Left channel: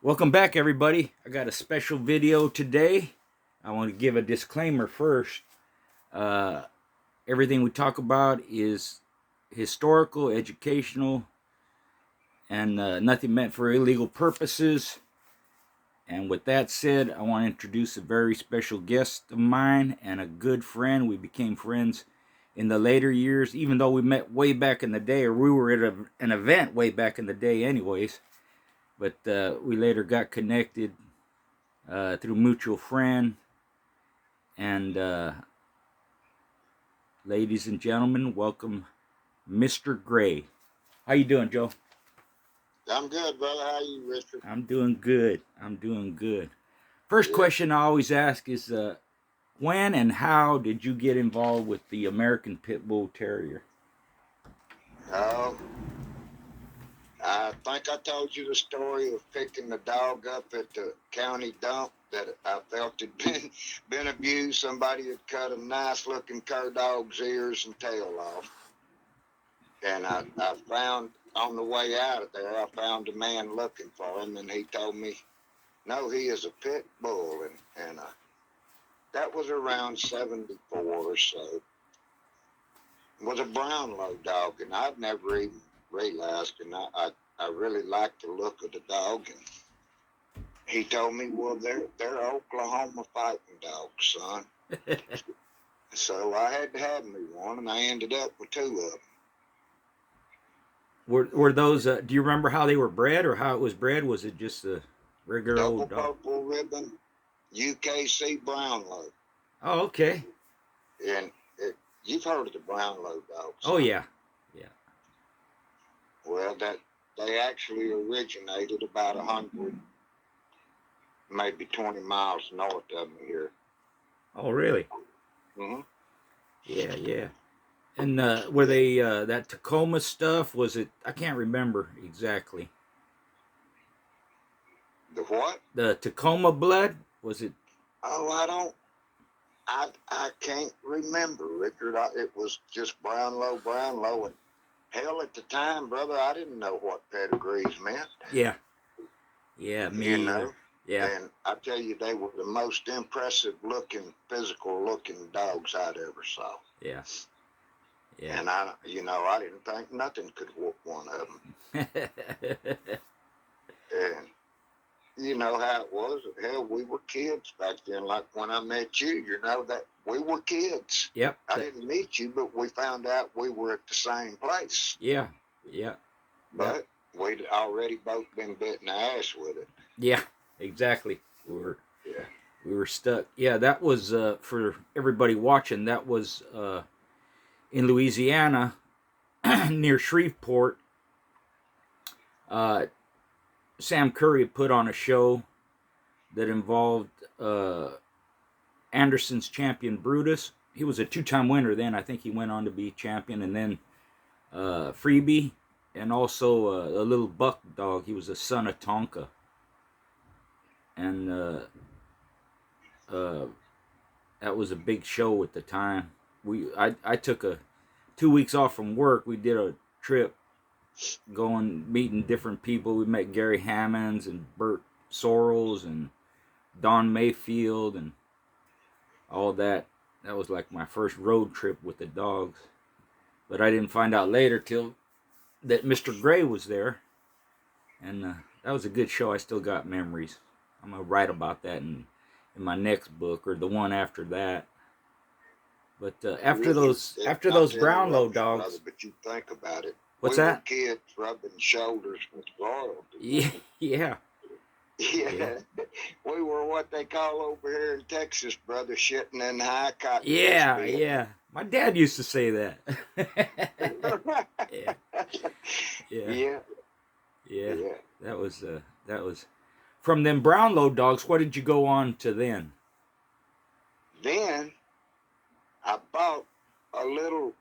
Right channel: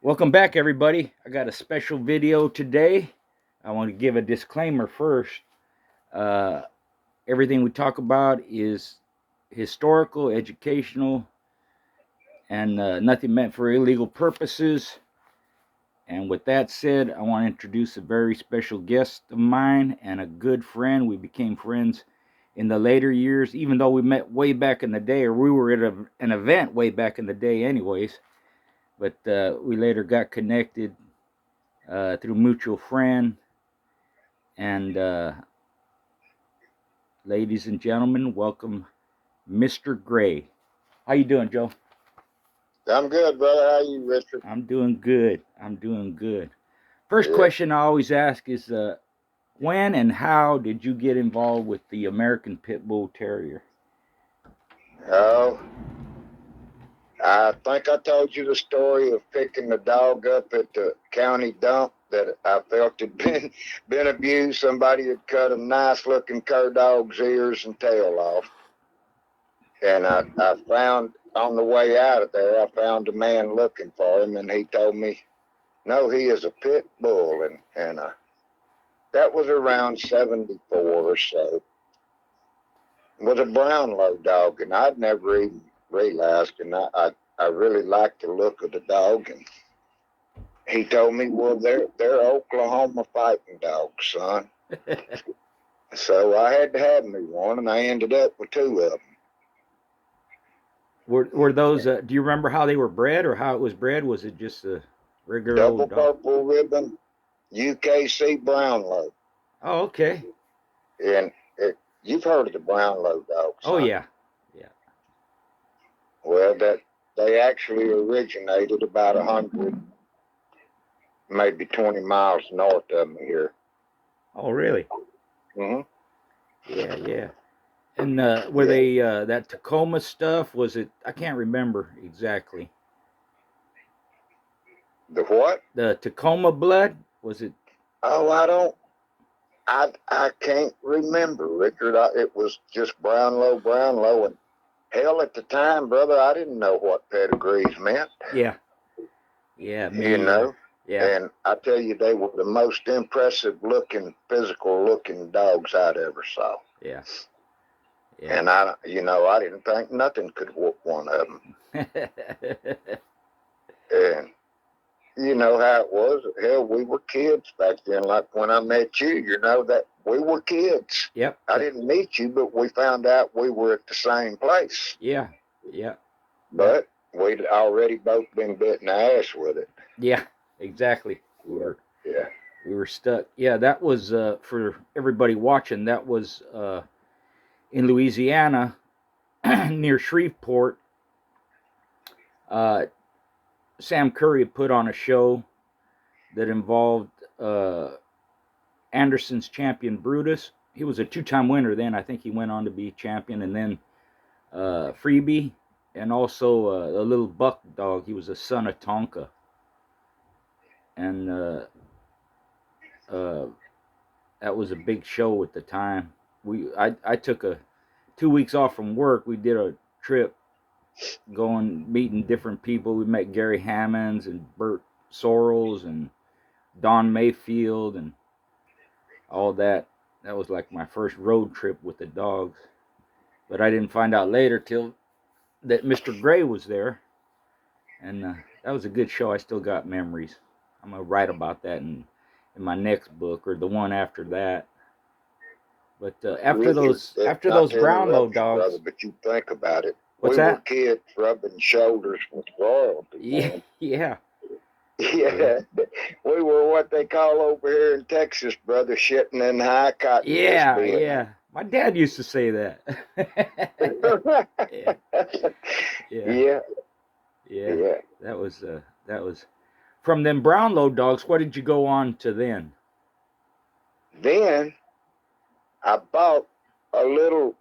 Welcome back, everybody. I got a special video today. I want to give a disclaimer first. Uh, Everything we talk about is historical, educational, and nothing meant for illegal purposes. And with that said, I want to introduce a very special guest of mine and a good friend. We became friends in the later years, even though we met way back in the day, or we were at an event way back in the day, anyways. But we later got connected through mutual friend. And ladies and gentlemen, welcome Mr. Gray. How you doing, Joe? I'm good, brother. How you, Richard? I'm doing good. I'm doing good. First Good. question I always ask is when and how did you get involved with the American Pit Bull Terrier? Oh, I think I told you the story of picking the dog up at the county dump that I felt had been abused. Somebody had cut a nice looking cur dog's ears and tail off. And I found on the way out of there, I found a man looking for him, and he told me, no, he is a pit bull. And that was around 74 or so. It was a Brownlow dog, and I'd never even realized, and I really liked the look of the dog. And he told me, well, they're Oklahoma fighting dogs, son. So I had to have me one, and I ended up with two of them. Were those? Do you remember how they were bred or how it was bred? Was it just a regular Double old dog? purple ribbon, UKC Brownlow. Oh, okay. And you've heard of the Brownlow dogs, Oh, huh? yeah. Yeah. Well, they actually originated about 100, maybe 20 miles north of me here. Oh, really? Mm-hmm. Yeah, yeah. And were they that Tacoma stuff? Was it? I can't remember exactly. The what? The Tacoma blood? Was it? Oh, I can't remember, Richard. It was just Brownlow, and hell, at the time, brother, I didn't know what pedigrees meant. Yeah, yeah, me You either. know, Yeah, and I tell you, they were the most impressive looking, physical looking dogs I'd ever saw. yeah, yeah. And I didn't think nothing could whoop one of them. And you know how it was. Hell, we were kids back then. Like when I met you, that we were kids. Yep. I didn't meet you, but we found out we were at the same place. Yeah, yeah. That. But we'd already both been bit in the ass with it. Yeah, exactly. Yeah. We were stuck. Yeah, that was for everybody watching. That was in Louisiana, near Shreveport. Uh, Sam Curry put on a show that involved Anderson's champion Brutus. He was a two-time winner then. I think he went on to be champion, and then Freebie, and also a little buck dog. He was a son of Tonka, and that was a big show at the time. I took 2 weeks off from work. We did a trip, going meeting different people. We met Gary Hammonds and Bert Sorrells and Don Mayfield and all that. That was like my first road trip with the dogs. But I didn't find out later till that Mr. Gray was there, and that was a good show. I still got memories. I'm gonna write about that in my next book or the one after that. But after those Brownlow dogs, brother, but you think about it. what's We were that? kids rubbing shoulders with royalty. Yeah, yeah, Yeah, we were what they call over here in Texas, brother, shitting in high cottonwood. yeah, yeah. My dad used to say that. Yeah, yeah, Yeah, yeah. yeah. That was from them Brownlow dogs. What did you go on to then? Then I bought a little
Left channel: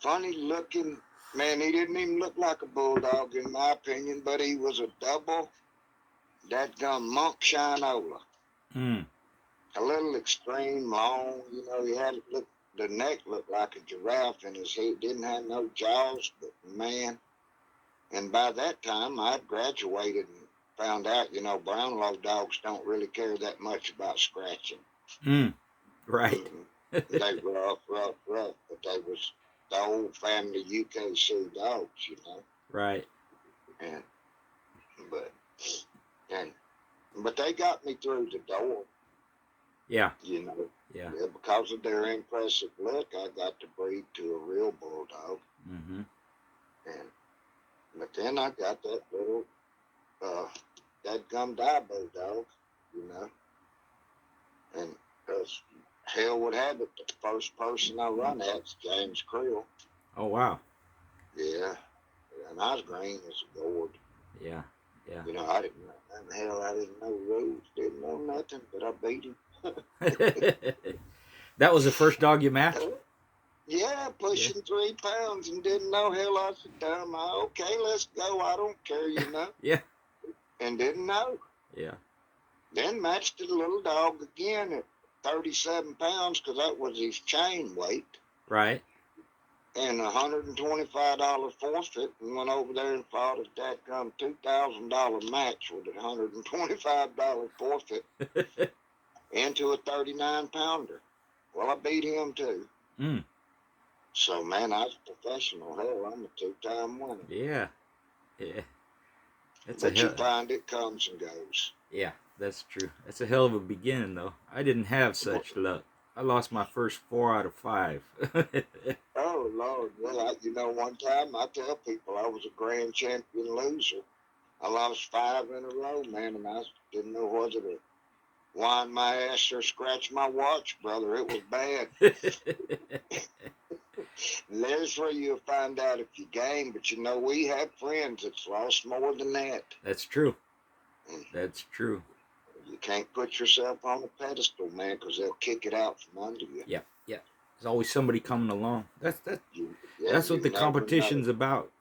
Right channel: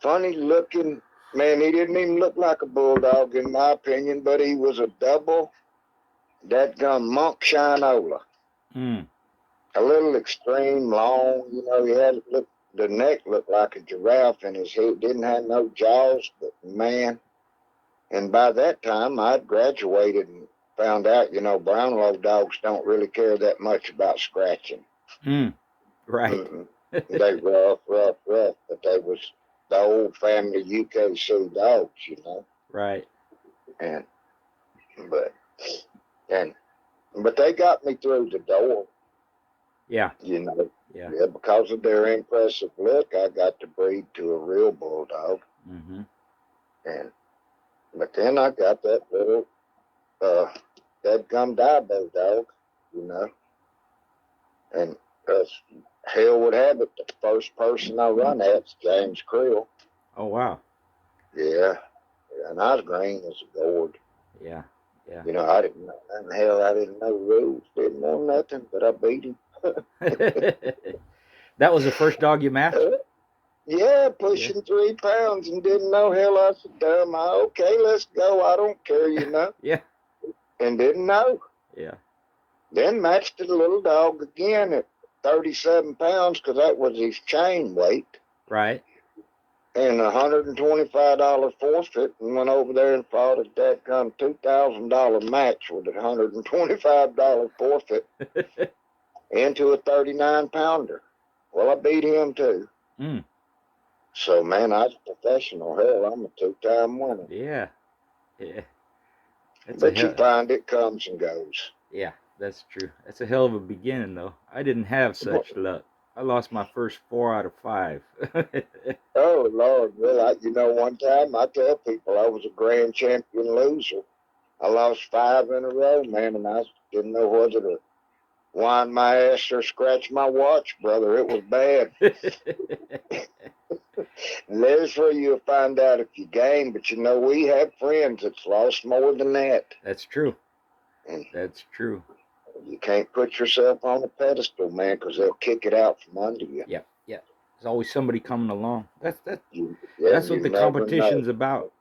funny looking man. He didn't even look like a bulldog in my opinion, but he was a double dadgum monk shinola. Hmm. A little extreme long, he had the neck looked like a giraffe and his head didn't have no jaws, but man. And by that time I'd graduated found out, Brownlow dogs don't really care that much about scratching. Right. Mm-mm. They rough, but they was the old family UKC dogs. Right. And but and but they got me through the door. Yeah. Yeah. Yeah. Because of their impressive look, I got to breed to a real bulldog. Mm-hmm. But then I got that little that gum Dabo dog, you know. And hell would have it, the first person I run at's James Creel. Oh wow. Yeah. And I was green as a gourd. Yeah. Yeah. I didn't know. And hell, I didn't know rules, didn't know nothing, but I beat him. That was the first dog you matched? Yeah, Yeah. pushing 3 pounds and didn't know. Hell, I said, okay, let's go. I don't care, Yeah. And didn't know. Yeah. Then matched a little dog again at 37 pounds because that was his chain weight. Right. And $125 forfeit, and went over there and fought a dadgum $2,000 match with a $125 forfeit into a 39 pounder. Well, I beat him too. So, man, I was a professional. Hell, I'm a 2-time winner. Yeah. Yeah. But you find it comes and goes. Yeah, that's true. That's a hell of a beginning, though. I didn't have such luck. I lost my first 4 out of 5. Oh, Lord. Well, one time I tell people I was a grand champion loser. I lost 5 in a row, man, and I didn't know whether to wind my ass or scratch my watch, brother. It was bad. And there's where you'll find out if you game. But, we have friends that's lost more than that. That's true. That's true. You can't put yourself on a pedestal, man, because they'll kick it out from under you. Yeah, yeah. There's always somebody coming along. That's what the never competition's know. about,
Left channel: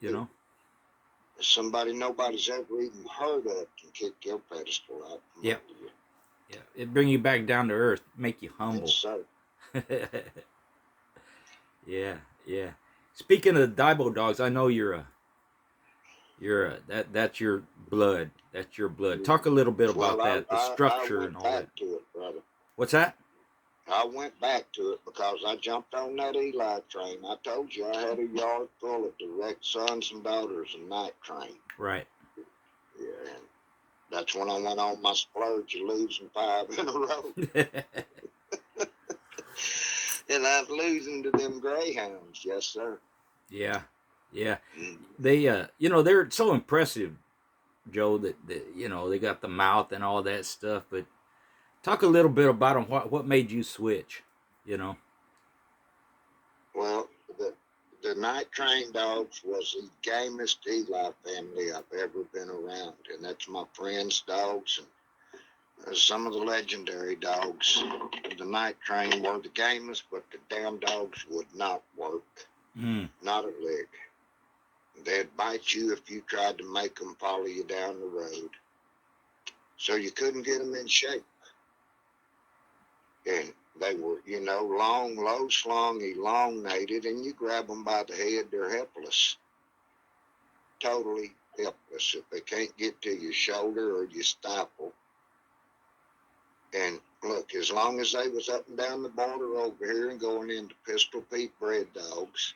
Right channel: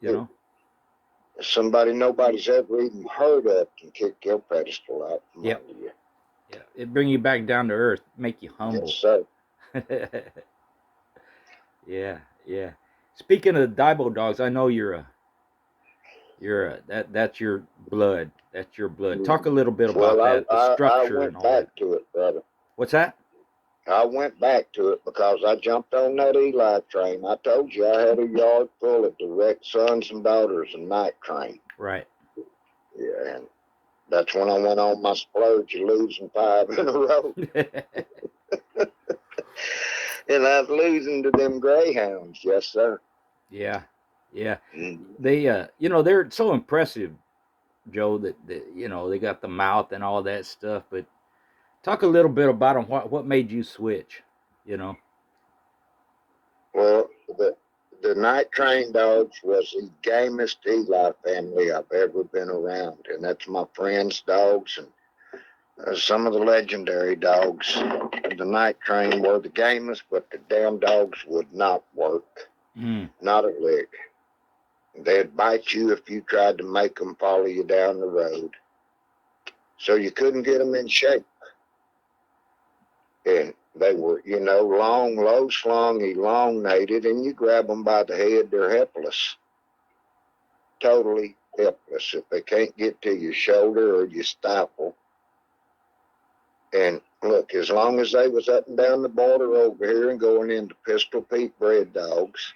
Somebody nobody's ever even heard of can kick your pedestal out from under you. Yeah, it bring you back down to earth, make you humble. Yes, sir. Yeah, yeah. Speaking of Daibo dogs, I know that's your blood. That's your blood. Talk a little bit about that, the structure and all that. I went back to it, brother. What's that? I went back to it because I jumped on that Eli train. I told you I had a yard full of direct sons and daughters and night train. Right. Yeah, and that's when I went on my splurge of losing 5 in a row. And I was losing to them greyhounds, yes, sir. Yeah, yeah. They, they're so impressive, Joe, that they got the mouth and all that stuff. But talk a little bit about them. What made you switch? Well, the night train dogs was the gamest Eli family I've ever been around, and that's my friends' dogs and some of the legendary dogs. The night train were the gamest, but the damn dogs would not work. Not a lick. They'd bite you if you tried to make them follow you down the road. So you couldn't get them in shape. And they were, long, low slung, elongated, and you grab them by the head, they're helpless. Totally helpless if they can't get to your shoulder or your stifle. And look, as long as they was up and down the border over here and going into Pistol Pete bred dogs,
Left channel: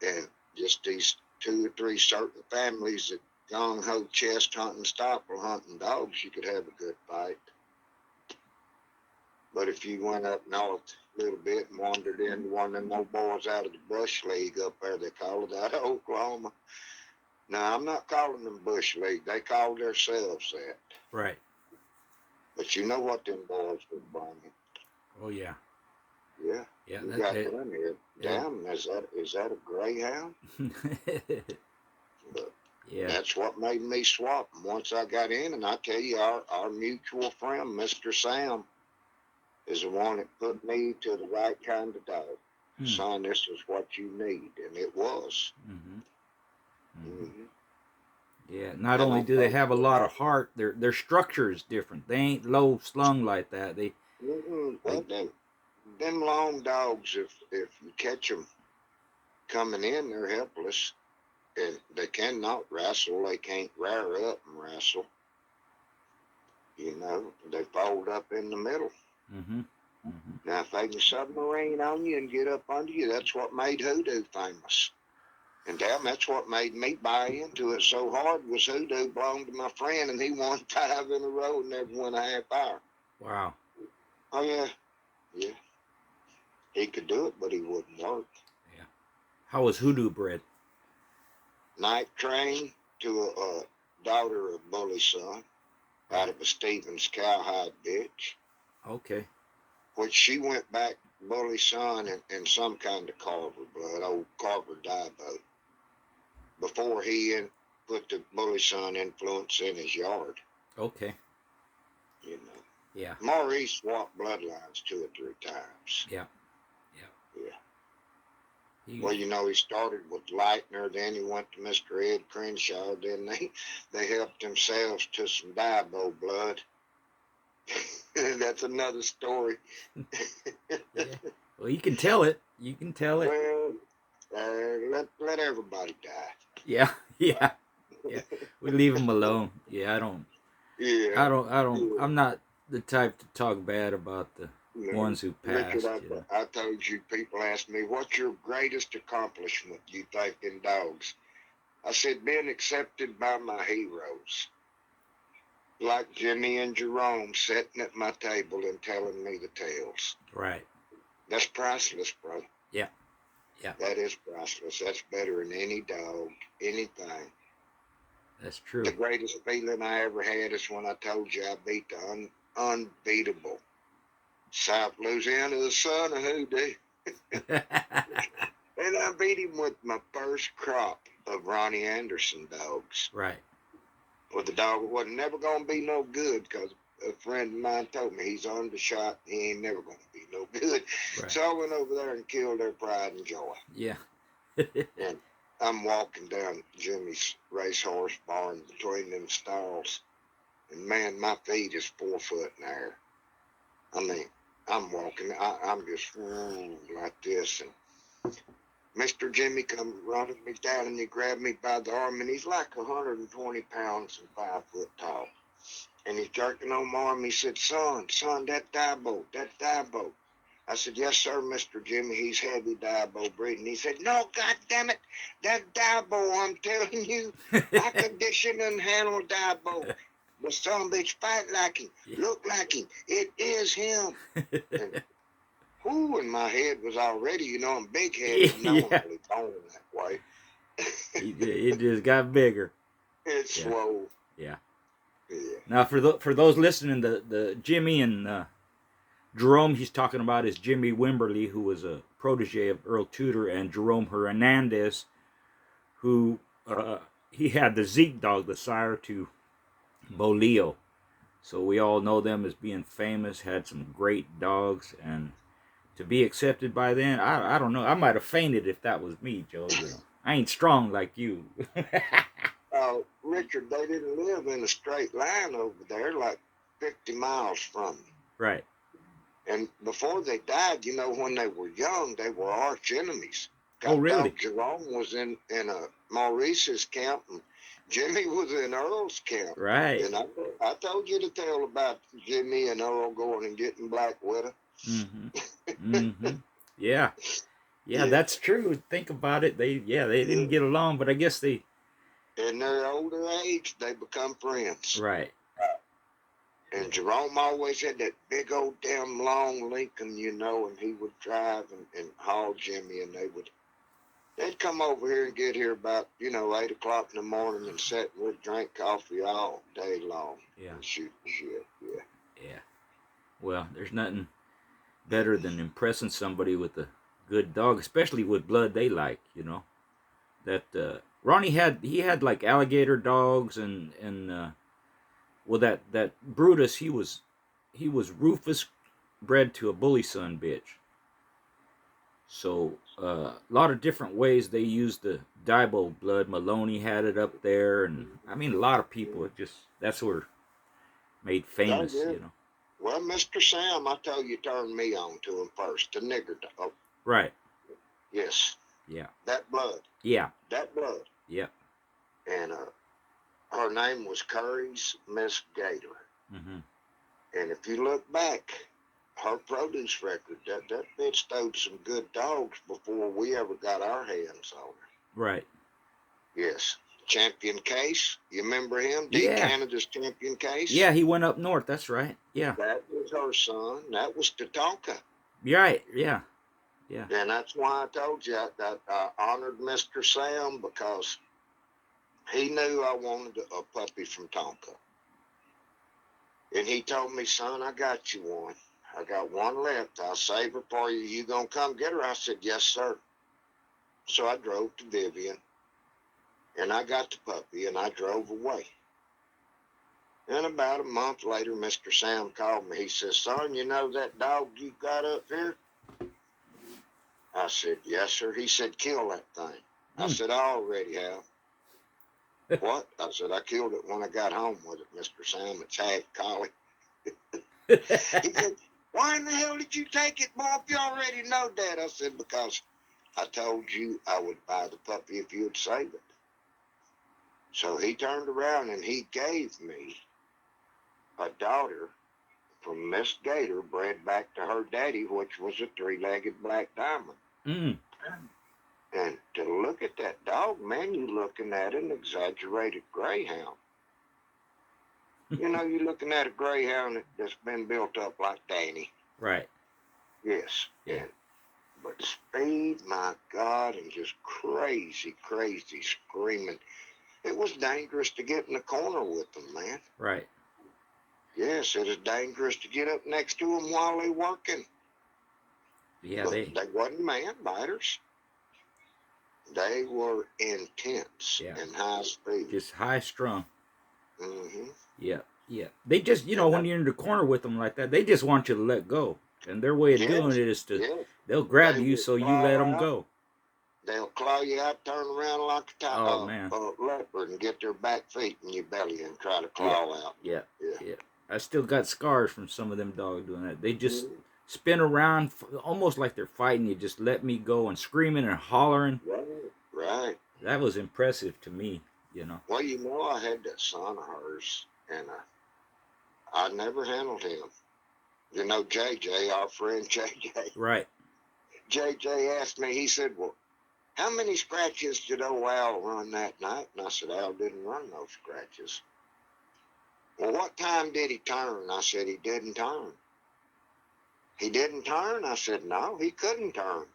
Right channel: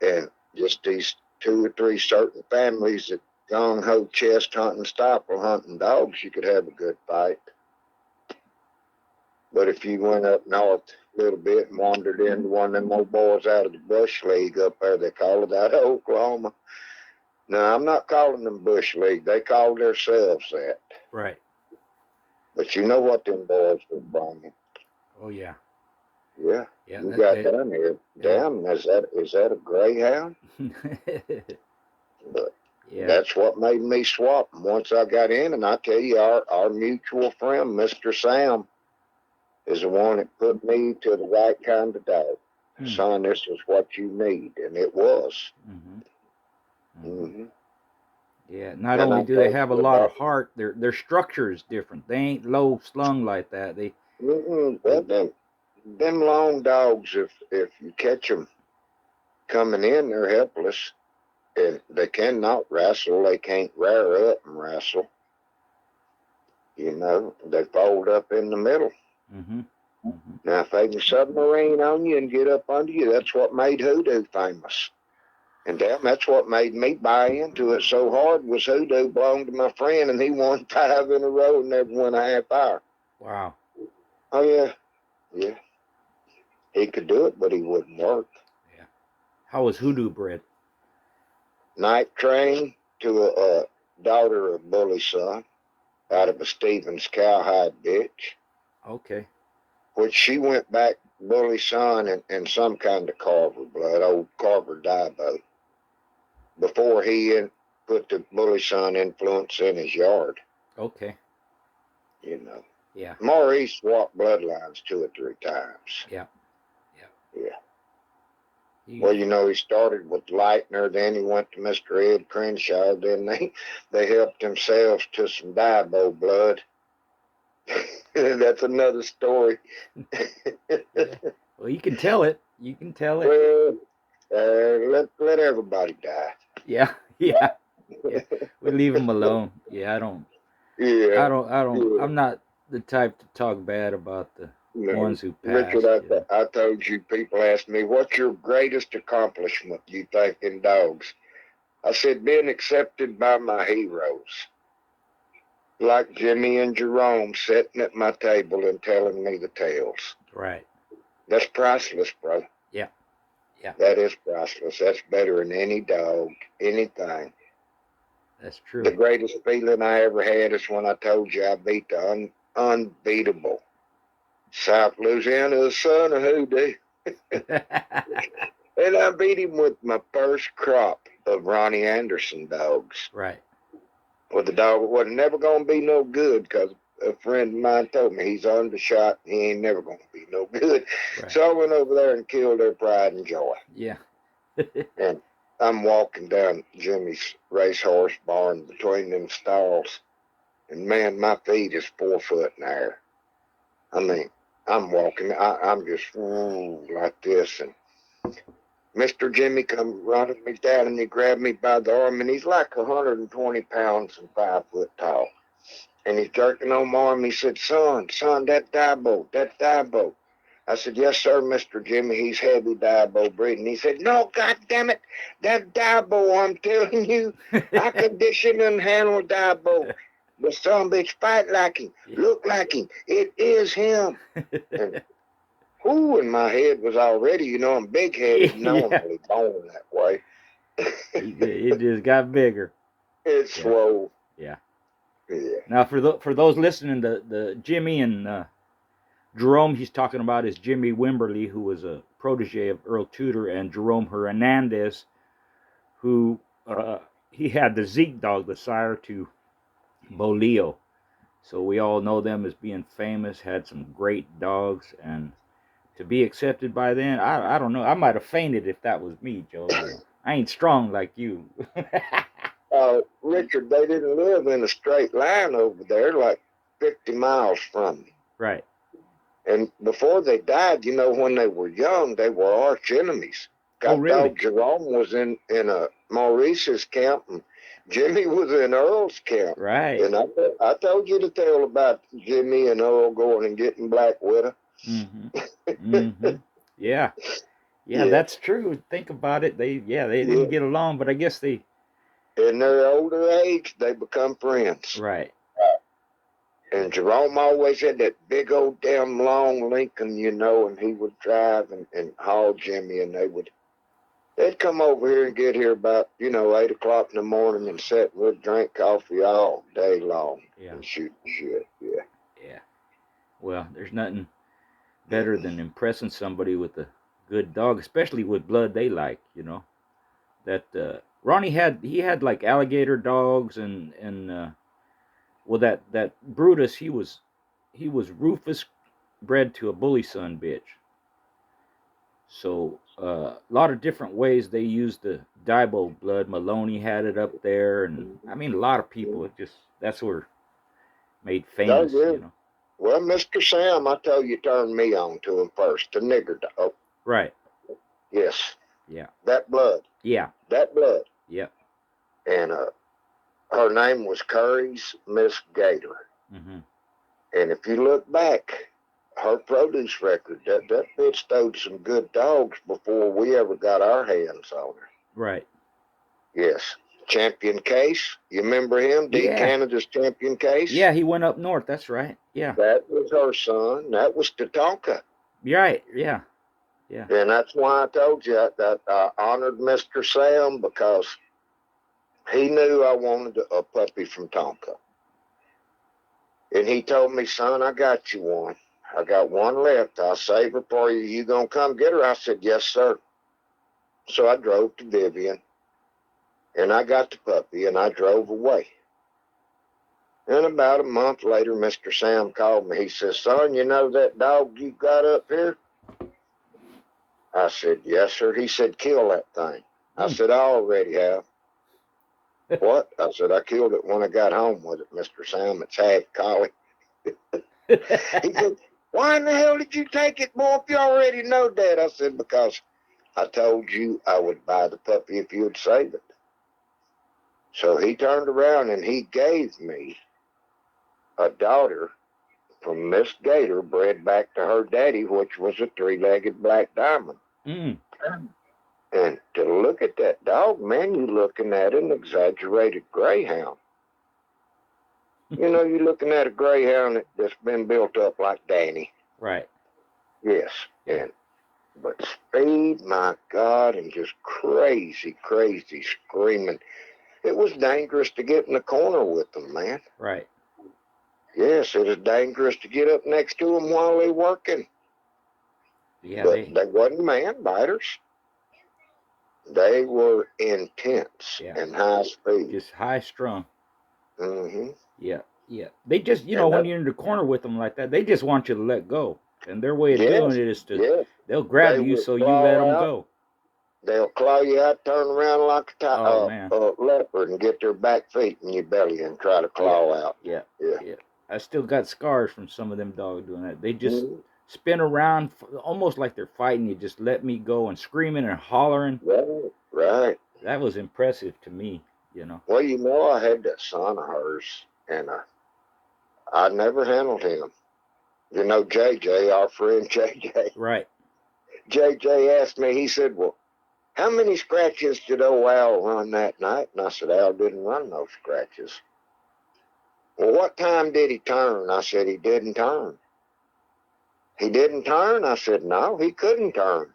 and just these 2 or 3 certain families that gung-ho chest hunting, stifle hunting dogs, you could have a good fight. But if you went up north a little bit and wandered into one of them old boys out of the Bush League up there, they call it out of Oklahoma. No, I'm not calling them Bush League. They call themselves that. Right. But you know what them boys were bringing. Oh, yeah. Yeah. You got done here. Damn, is that a greyhound? But that's what made me swap. And once I got in, and I tell you, our mutual friend, Mr. Sam, is the one that put me to the right kind of dog. Son, this is what you need. And it was. Yeah, not only do they have a lot of heart, their structure is different. They ain't low slung like that. Them long dogs, if you catch them coming in, they're helpless. And they cannot wrestle. They can't rear up and wrestle. You know, they fold up in the middle. Mm-hmm. Mm-hmm. Now, if they can submarine on you and get up under you, that's what made hoodoo famous. And damn, that's what made me buy into it so hard was hoodoo belonged to my friend, and he won 5 in a row and never won a half hour. Wow. Oh, yeah. Yeah. He could do it, but he wouldn't work. Yeah. How was hoodoo bred? Night train to a daughter of Bully Son out of a Stevens cowhide bitch, Okay. which she went back Bully Son in some kind of Carver blood, old Carver Diabo, before he put the Bully Son influence in his yard. Okay. You know. Yeah. Maurice swapped bloodlines 2 or 3 times. Yeah. Yeah. He, Well, you know, he started with Lightner, then he went to Mr. Ed Crenshaw, then they helped themselves to some Diabo blood. That's another story. yeah. Well, you can tell it. You can tell it. Well, let everybody die. Yeah. Yeah. Yeah. We leave them alone. Yeah. I don't. Yeah. Yeah. I'm not the type to talk bad about the No. ones who Richard, passed. You know. I told you, people ask me, what's your greatest accomplishment, you think, in dogs? I said, being accepted by my heroes, like Jimmy and Jerome sitting at my table and telling me the tales. Right. That's priceless, bro. Yeah. Yeah. That is priceless. That's better than any dog, anything. That's true. The greatest feeling I ever had is when I told you I beat the unbeatable South Louisiana son of hoodoo. And I beat him with my first crop of Ronnie Anderson dogs. Right. Well, the dog wasn't never going to be no good because a friend of mine told me he's undershot. He ain't never going to be no good. Right. So I went over there and killed their pride and joy. Yeah. And I'm walking down Jimmy's racehorse barn between them stalls. And man, my feet is 4 foot in the air. I mean, I'm walking, I'm just like this. And Mr. Jimmy come running me down and he grabbed me by the arm, and he's like 120 pounds and 5 foot tall. And he's jerking on my arm. He said, son, that Diabo. I said, yes, sir, Mr. Jimmy. He's heavy Diabo breeding. He said, no, God damn it, that Diabo, I'm telling you, I condition and handle Diabo. The son of a bitch fight like him, look like him. It is him. And who in my head was already, you know, I'm big-headed, normally born that way. It just got bigger. It's slow. Yeah. Yeah. Now, for those listening, the Jimmy and Jerome he's talking about is Jimmy Wimberly, who was a protege of Earl Tudor, and Jerome Hernandez, who he had the Zeke dog, the sire to Bolio. So we all know them as being famous, had some great dogs, and to be accepted by them, I don't know. I might have fainted if that was me, Joe. You know, I ain't strong like you. Richard, they didn't live in a straight line over there, like 50 miles from me. Right. And before they died, you know, when they were young, they were arch enemies. Oh, really? Dog Jerome was in a Maurice's camp, and Jimmy was in Earl's camp. Right. And I told you to tell about Jimmy and Earl going and getting Black Widow. Mm-hmm. Mm-hmm. Yeah. Yeah, that's true. Think about it. They didn't get along, but I guess they in their older age, they become friends. Right. And Jerome always had that big old damn long Lincoln, you know, and he would drive and haul Jimmy, and they'd come over here and get here about, you know, 8 o'clock in the morning and sit and we'd drink coffee all day long. Yeah. And shoot shit. Yeah. Yeah. Well, there's nothing better than impressing somebody with a good dog, especially with blood they like, you know. That Ronnie had like alligator dogs and well that Brutus he was Rufus bred to a bully son bitch. So a lot of different ways they used the Diabo blood. Maloney had it up there, and I mean a lot of people. That's where made famous, you know. Well, Mr. Sam, I tell you, turned me on to him first, the nigger dog. Right. Yes. Yeah. That blood. Yeah. That blood. Yep. And her name was Curry's Miss Gator. Mm-hmm. And if you look back, her produce record, that bitch stowed some good dogs before we ever got our hands on her. Right. Yes. Champion Case, you remember him? D Yeah. Canada's Champion Case? Yeah, he went up north. That's right. Yeah. That was her son. That was Tatonka. You're right. Yeah. Yeah. And that's why I told you that I honored Mr. Sam, because he knew I wanted a puppy from Tonka. And he told me, son, I got you one. I got one left. I'll save her for you. You gonna come get her? I said, yes, sir. So I drove to Vivian, and I got the puppy, and I drove away. And about a month later, Mr. Sam called me. He says, son, you know that dog you got up here? I said, yes, sir. He said, kill that thing. I said, I already have. What? I said, I killed it when I got home with it, Mr. Sam. It's half collie. He said, why in the hell did you take it, boy, if you already know that? I said, because I told you I would buy the puppy if you would save it. So he turned around and he gave me a daughter from Miss Gator, bred back to her daddy, which was a three-legged black diamond. Mm. And to look at that dog, man, you're looking at an exaggerated greyhound. You know, you're looking at a greyhound that's been built up like Danny. Right. Yes. Yeah. But speed, my God, and just crazy, crazy screaming. It was dangerous to get in the corner with them, man. Right. Yes, it was dangerous to get up next to them while they're working. Yeah. But they wasn't man biters. They were intense and high speed. Just high strung. Mm-hmm. Yeah. Yeah. They just, when you're in the corner with them like that, they just want you to let go. And their way of doing it is to, they'll grab you so you let them go. They'll claw you out, turn around like Oh, a leopard, and get their back feet in your belly and try to claw out. Yeah. I still got scars from some of them dogs doing that. They just spin around almost like they're fighting you. Just let me go, and screaming and hollering. Right. That was impressive to me, Well, I had that son of hers, and I never handled him. JJ, our friend JJ. Right. JJ asked me, he said, well, how many scratches did old Al run that night? And I said, Al didn't run no scratches. Well, what time did he turn? I said, he didn't turn. He didn't turn? I said, no, he couldn't turn.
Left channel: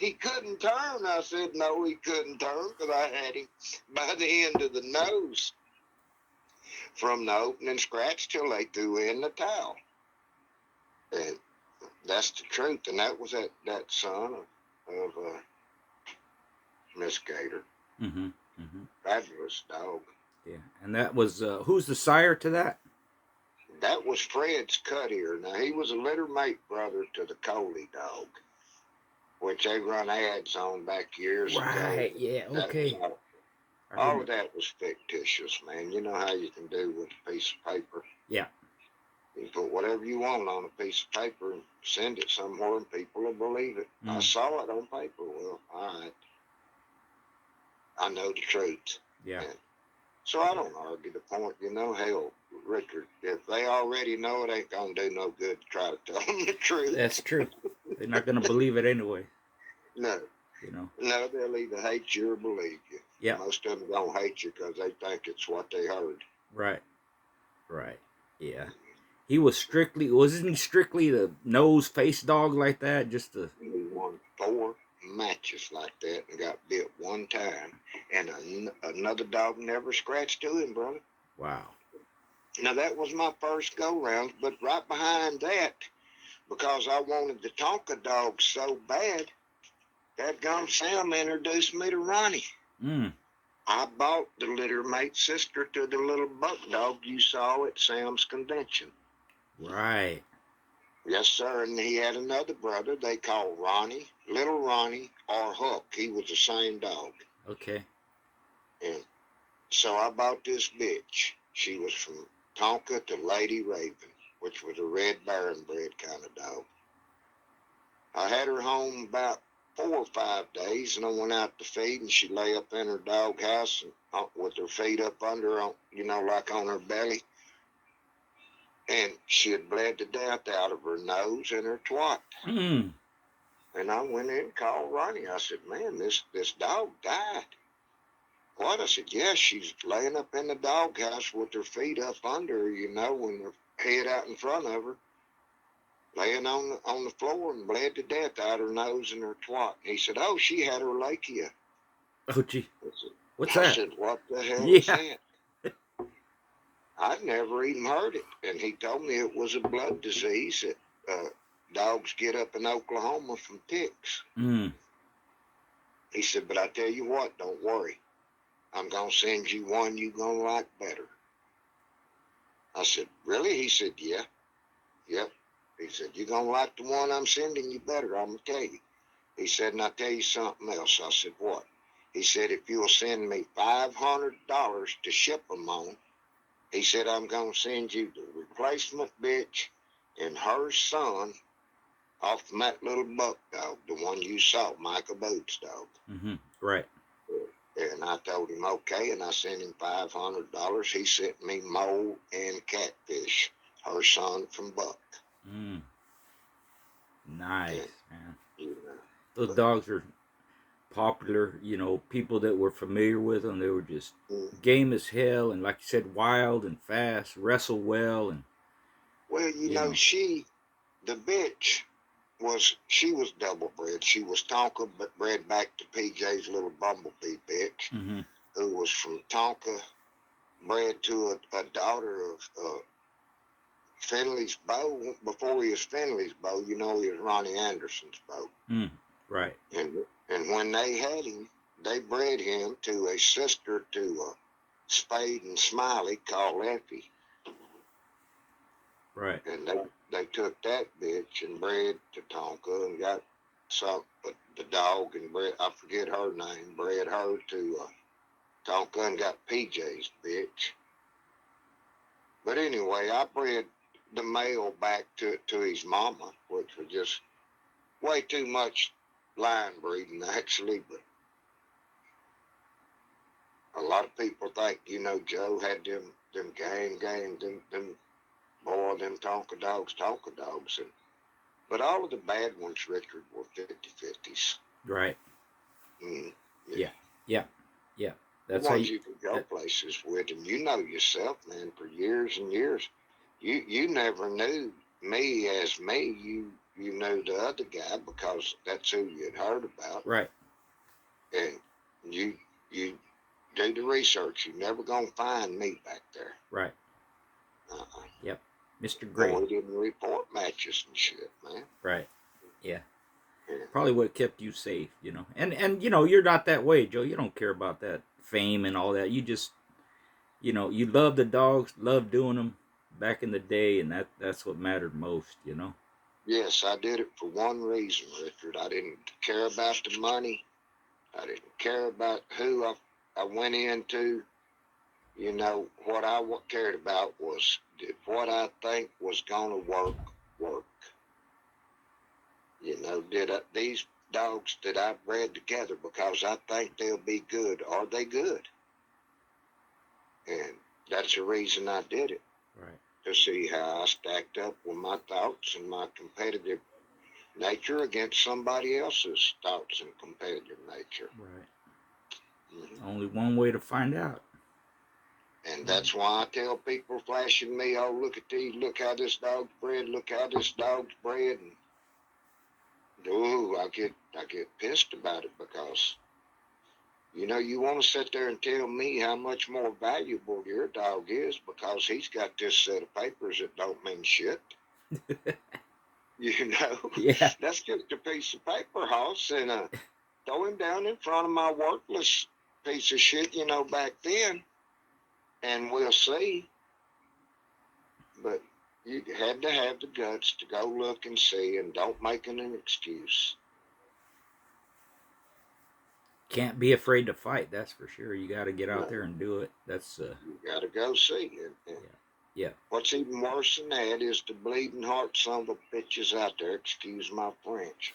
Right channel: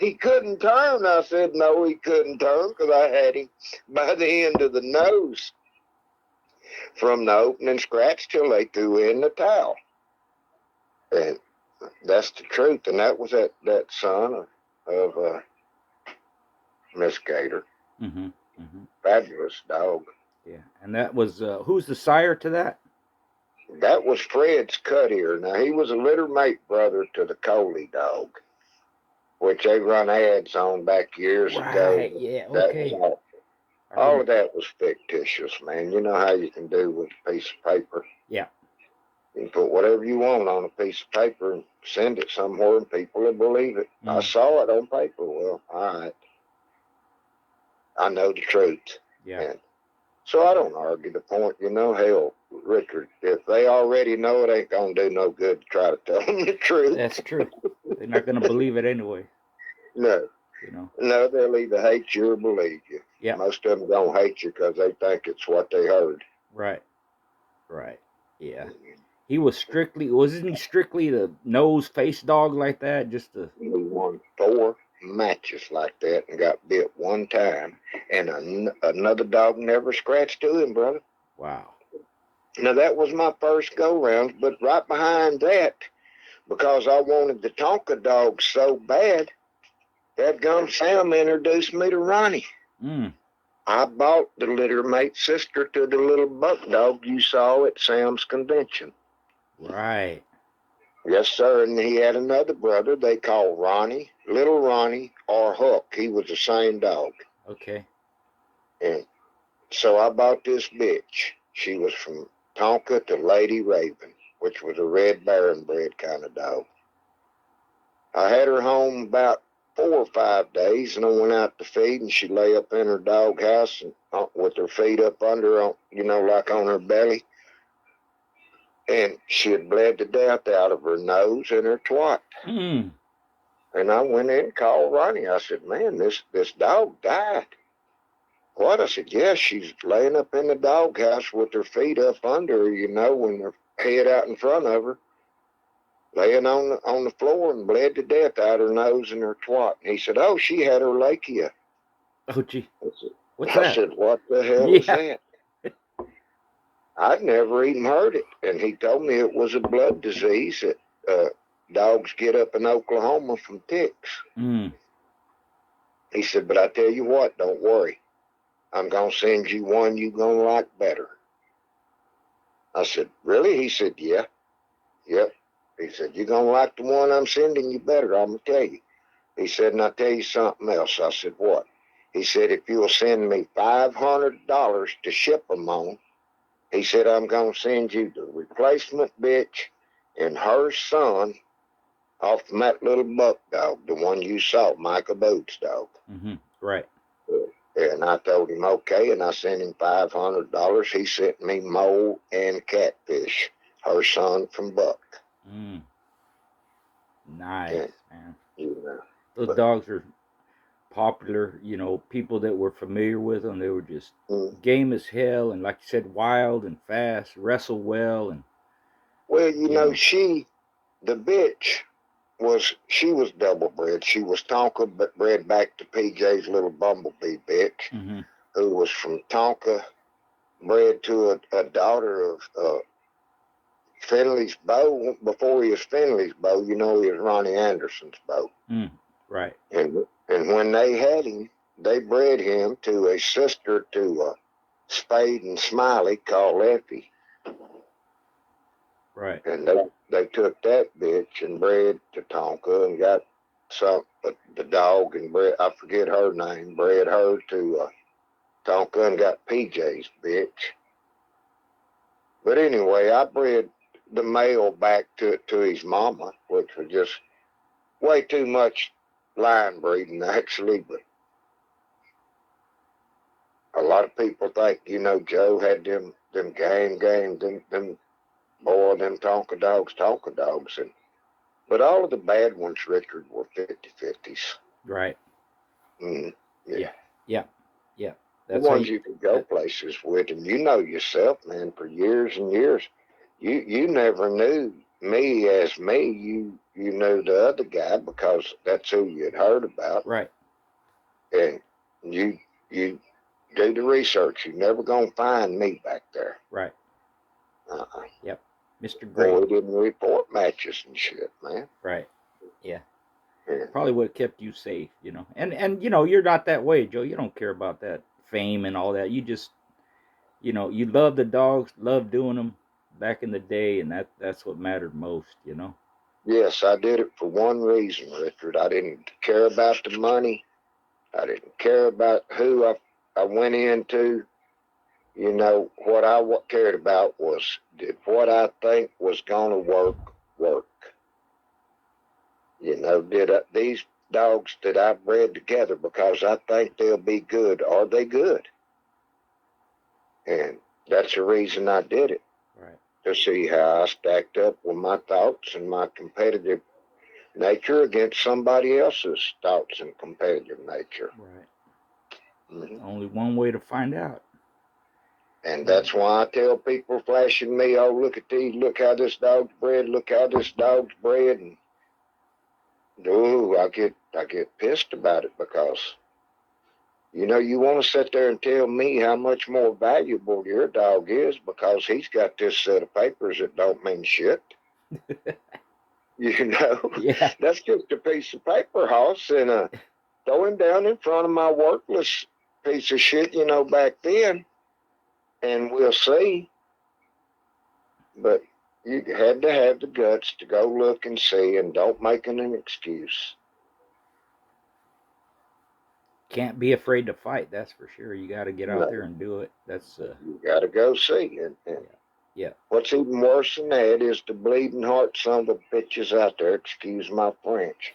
He couldn't turn. I said, no, he couldn't turn, because I had him by the end of the nose from the opening scratch till they threw in the towel. And that's the truth. And that was that son of Miss Gator. Mm-hmm. Mm-hmm. Fabulous dog. Yeah. And that was, who's the sire to that? That was Fred's cut ear. Now, he was a litter mate brother to the Coley dog, which they run ads on back years ago. Right, yeah, okay. All of that was fictitious, man. You know how you can do with a piece of paper. Yeah. You can put whatever you want on a piece of paper and send it somewhere, and people will believe it. I saw it on paper. Well, all right. I know the truth. Yeah. And so I don't argue the point. Hell, Richard, if they already know it, ain't going to do no good to try to tell them the truth. That's true. They're not going to believe it anyway. No. No, they'll either hate you or believe you. Yeah. Most of them don't hate you because they think it's what they heard. Right. Right. Yeah. He was wasn't he strictly the nose face dog like that? Just the. He won 4 matches like that and got bit one time, and another dog never scratched to him, brother. Wow. Now, that was my first go-round, but right behind that, because I wanted the Tonka dog so bad, that gum Sam introduced me to Ronnie. I bought the litter mate sister to the little buck dog you saw at Sam's convention. Right. Yes, sir. And he had another brother they called Ronnie, Little Ronnie, or Hook. He was the same dog. Okay. And so I bought this bitch. She was from Tonka to Lady Raven, which was a Red Baron bred kind of dog. I had her home about 4 or 5 days, and I went out to feed, and she lay up in her dog house and with her feet up under, like on her belly, and she had bled to death out of her nose and her twat. Mm. And I went in and called Ronnie. I said, "Man, this dog died." What? I said, "Yeah, she's laying up in the doghouse with her feet up under her, with her head out in front of her, laying on the floor and bled to death out her nose and her twat." And he said, "Oh, she had her lachia." Oh, gee. What's I that? said, "What the hell is Yeah. that?" I'd never even heard it. And he told me it was a blood disease that dogs get up in Oklahoma from ticks. Mm. He said, "But I tell you what, don't worry. I'm going to send you one you're going to like better." I said, "Really?" He said, "Yeah. Yep." He said, "You're going to like the one I'm sending you better, I'm going to tell you." He said, "And I'll tell you something else." I said, "What?" He said, "If you'll send me $500 to ship them on," he said, "I'm going to send you the replacement bitch and her son off from that little buck dog, the one you saw, Michael Booth's dog." Mm-hmm. Right. And I told him, okay, and I sent him $500. He sent me mole and catfish, her son from Buck. Mm. Nice, And, man. you know, Those but, dogs are popular. People that were familiar with them, they were just mm, game as hell, and like you said, wild and fast, wrestle well, and well, you know. the bitch she was double bred. She was Tonka, but bred back to PJ's little bumblebee bitch, Mm-hmm. who was from Tonka, bred to a daughter of Finley's Bow. Before he was Finley's Bow, he was Ronnie Anderson's Bow. Mm. Right. And when they had him, they bred him to a sister to Spade and Smiley called Effie. Right. And they took that bitch and bred to Tonka and got the dog and bred, I forget her name, bred her to Tonka and got PJ's bitch. But anyway, I bred the male back to his mama, which was just way too much line breeding actually. But a lot of people think, Joe had them them Tonka dogs, but all of the bad ones, Richard, were 50-50s. Right. Mm, Yeah. yeah. Yeah. Yeah. The That's how ones you. you can go places with, and yourself, man, for years and years. You never knew me as me. You knew the other guy because that's who you'd heard about, Right. and you do the research. You're never gonna find me back there. Right. Uh-uh. Yep. Mr. Boy, Great. we didn't report matches and shit, man. Right. Yeah. Yeah. Probably would have kept you safe. And you're not that way, Joe. You don't care about that fame and all that. You just you love the dogs, love doing them back in the day, and that's what mattered most. Yes, I did it for one reason, Richard. I didn't care about the money. I didn't care about who I went into. What I cared about was, did what I think was going to work? These dogs that I bred together because I think they'll be good, are they good? And that's the reason I did it, Right. to see how I stacked up with my thoughts and my competitive nature against somebody else's thoughts and competitive nature. Right. Mm-hmm. Only one way to find out. And that's why I tell people flashing me, "Oh, look at these, look how this dog's bred, look how this dog's bred." And I get pissed about it because you want to sit there and tell me how much more valuable your dog is because he's got this set of papers that don't mean shit. You know, Yeah. that's just a piece of paper, Hoss, and throw him down in front of my worthless piece of shit, back then, and we'll see. But you had to have the guts to go look and see, and don't make it an excuse. Can't be afraid to fight. That's for sure. You got to get out No, there and do it. That's you got to go see. And yeah. Yeah. What's even worse than that is the bleeding heart son of a bitches out there, excuse my French,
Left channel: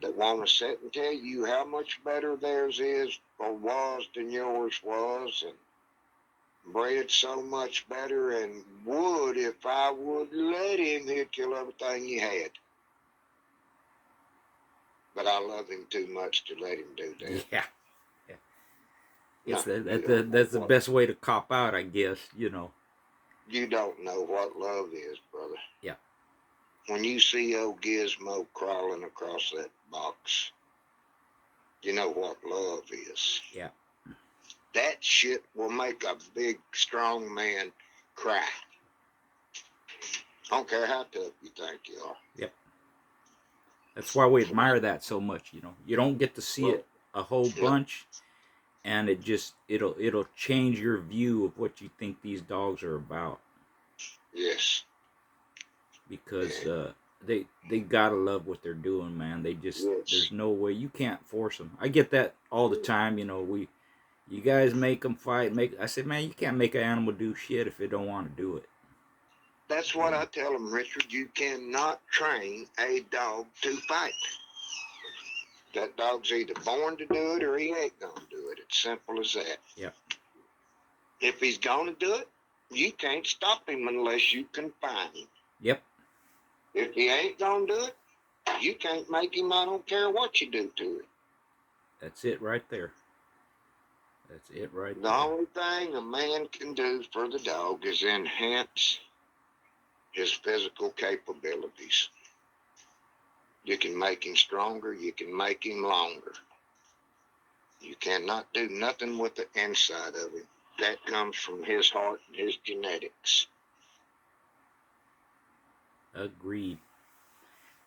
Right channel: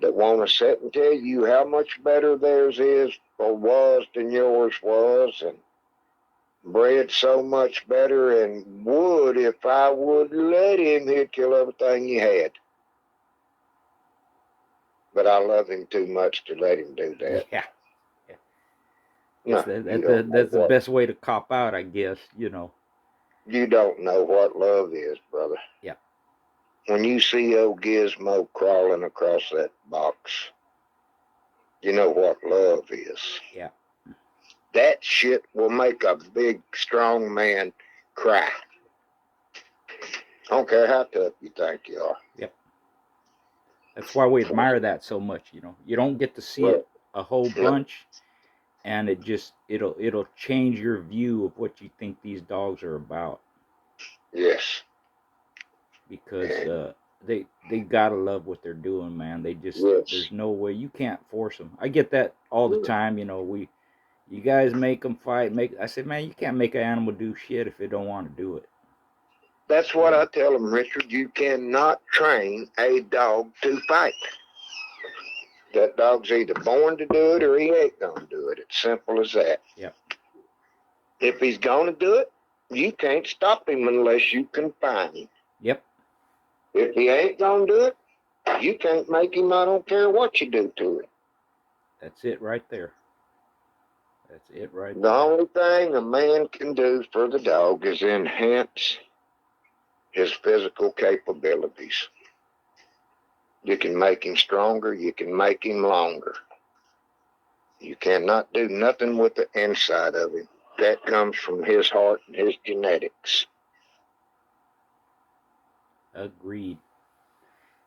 that want to sit and tell you how much better theirs is or was than yours was, and bred so much better, and would, if I would let him, he'd kill everything you had. But I love him too much to let him do that. Yeah. Yeah. Guess No, you don't know that's the best way to cop out, I guess, you know. you don't know what love is, brother. Yeah. When you see old Gizmo crawling across that box, you know what love is. Yeah. That shit will make a big, strong man cry. I don't care how tough you think you are. Yep. That's why we admire that so much, you know. You don't get to see Well, it a whole yeah, bunch, and it'll change your view of what you think these dogs are about, yes. because And they gotta love what they're doing, man. They just, yes. there's no way, you can't force them. I get that all the time, you know. You guys make them fight. I said, man, you can't make an animal do shit if it don't want to do it. That's You what I know. tell them, Richard. You cannot train a dog to fight. That dog's either born to do it or he ain't going to do it. It's simple as that. Yep. If he's going to do it, you can't stop him unless you confine him. Yep. If he ain't going to do it, you can't make him. I don't care what you do to him. That's it right there. That's it right The there. only thing a man can do for the dog is enhance his physical capabilities. You can make him stronger. You can make him longer. You cannot do nothing with the inside of him. That comes from his heart and his genetics. Agreed.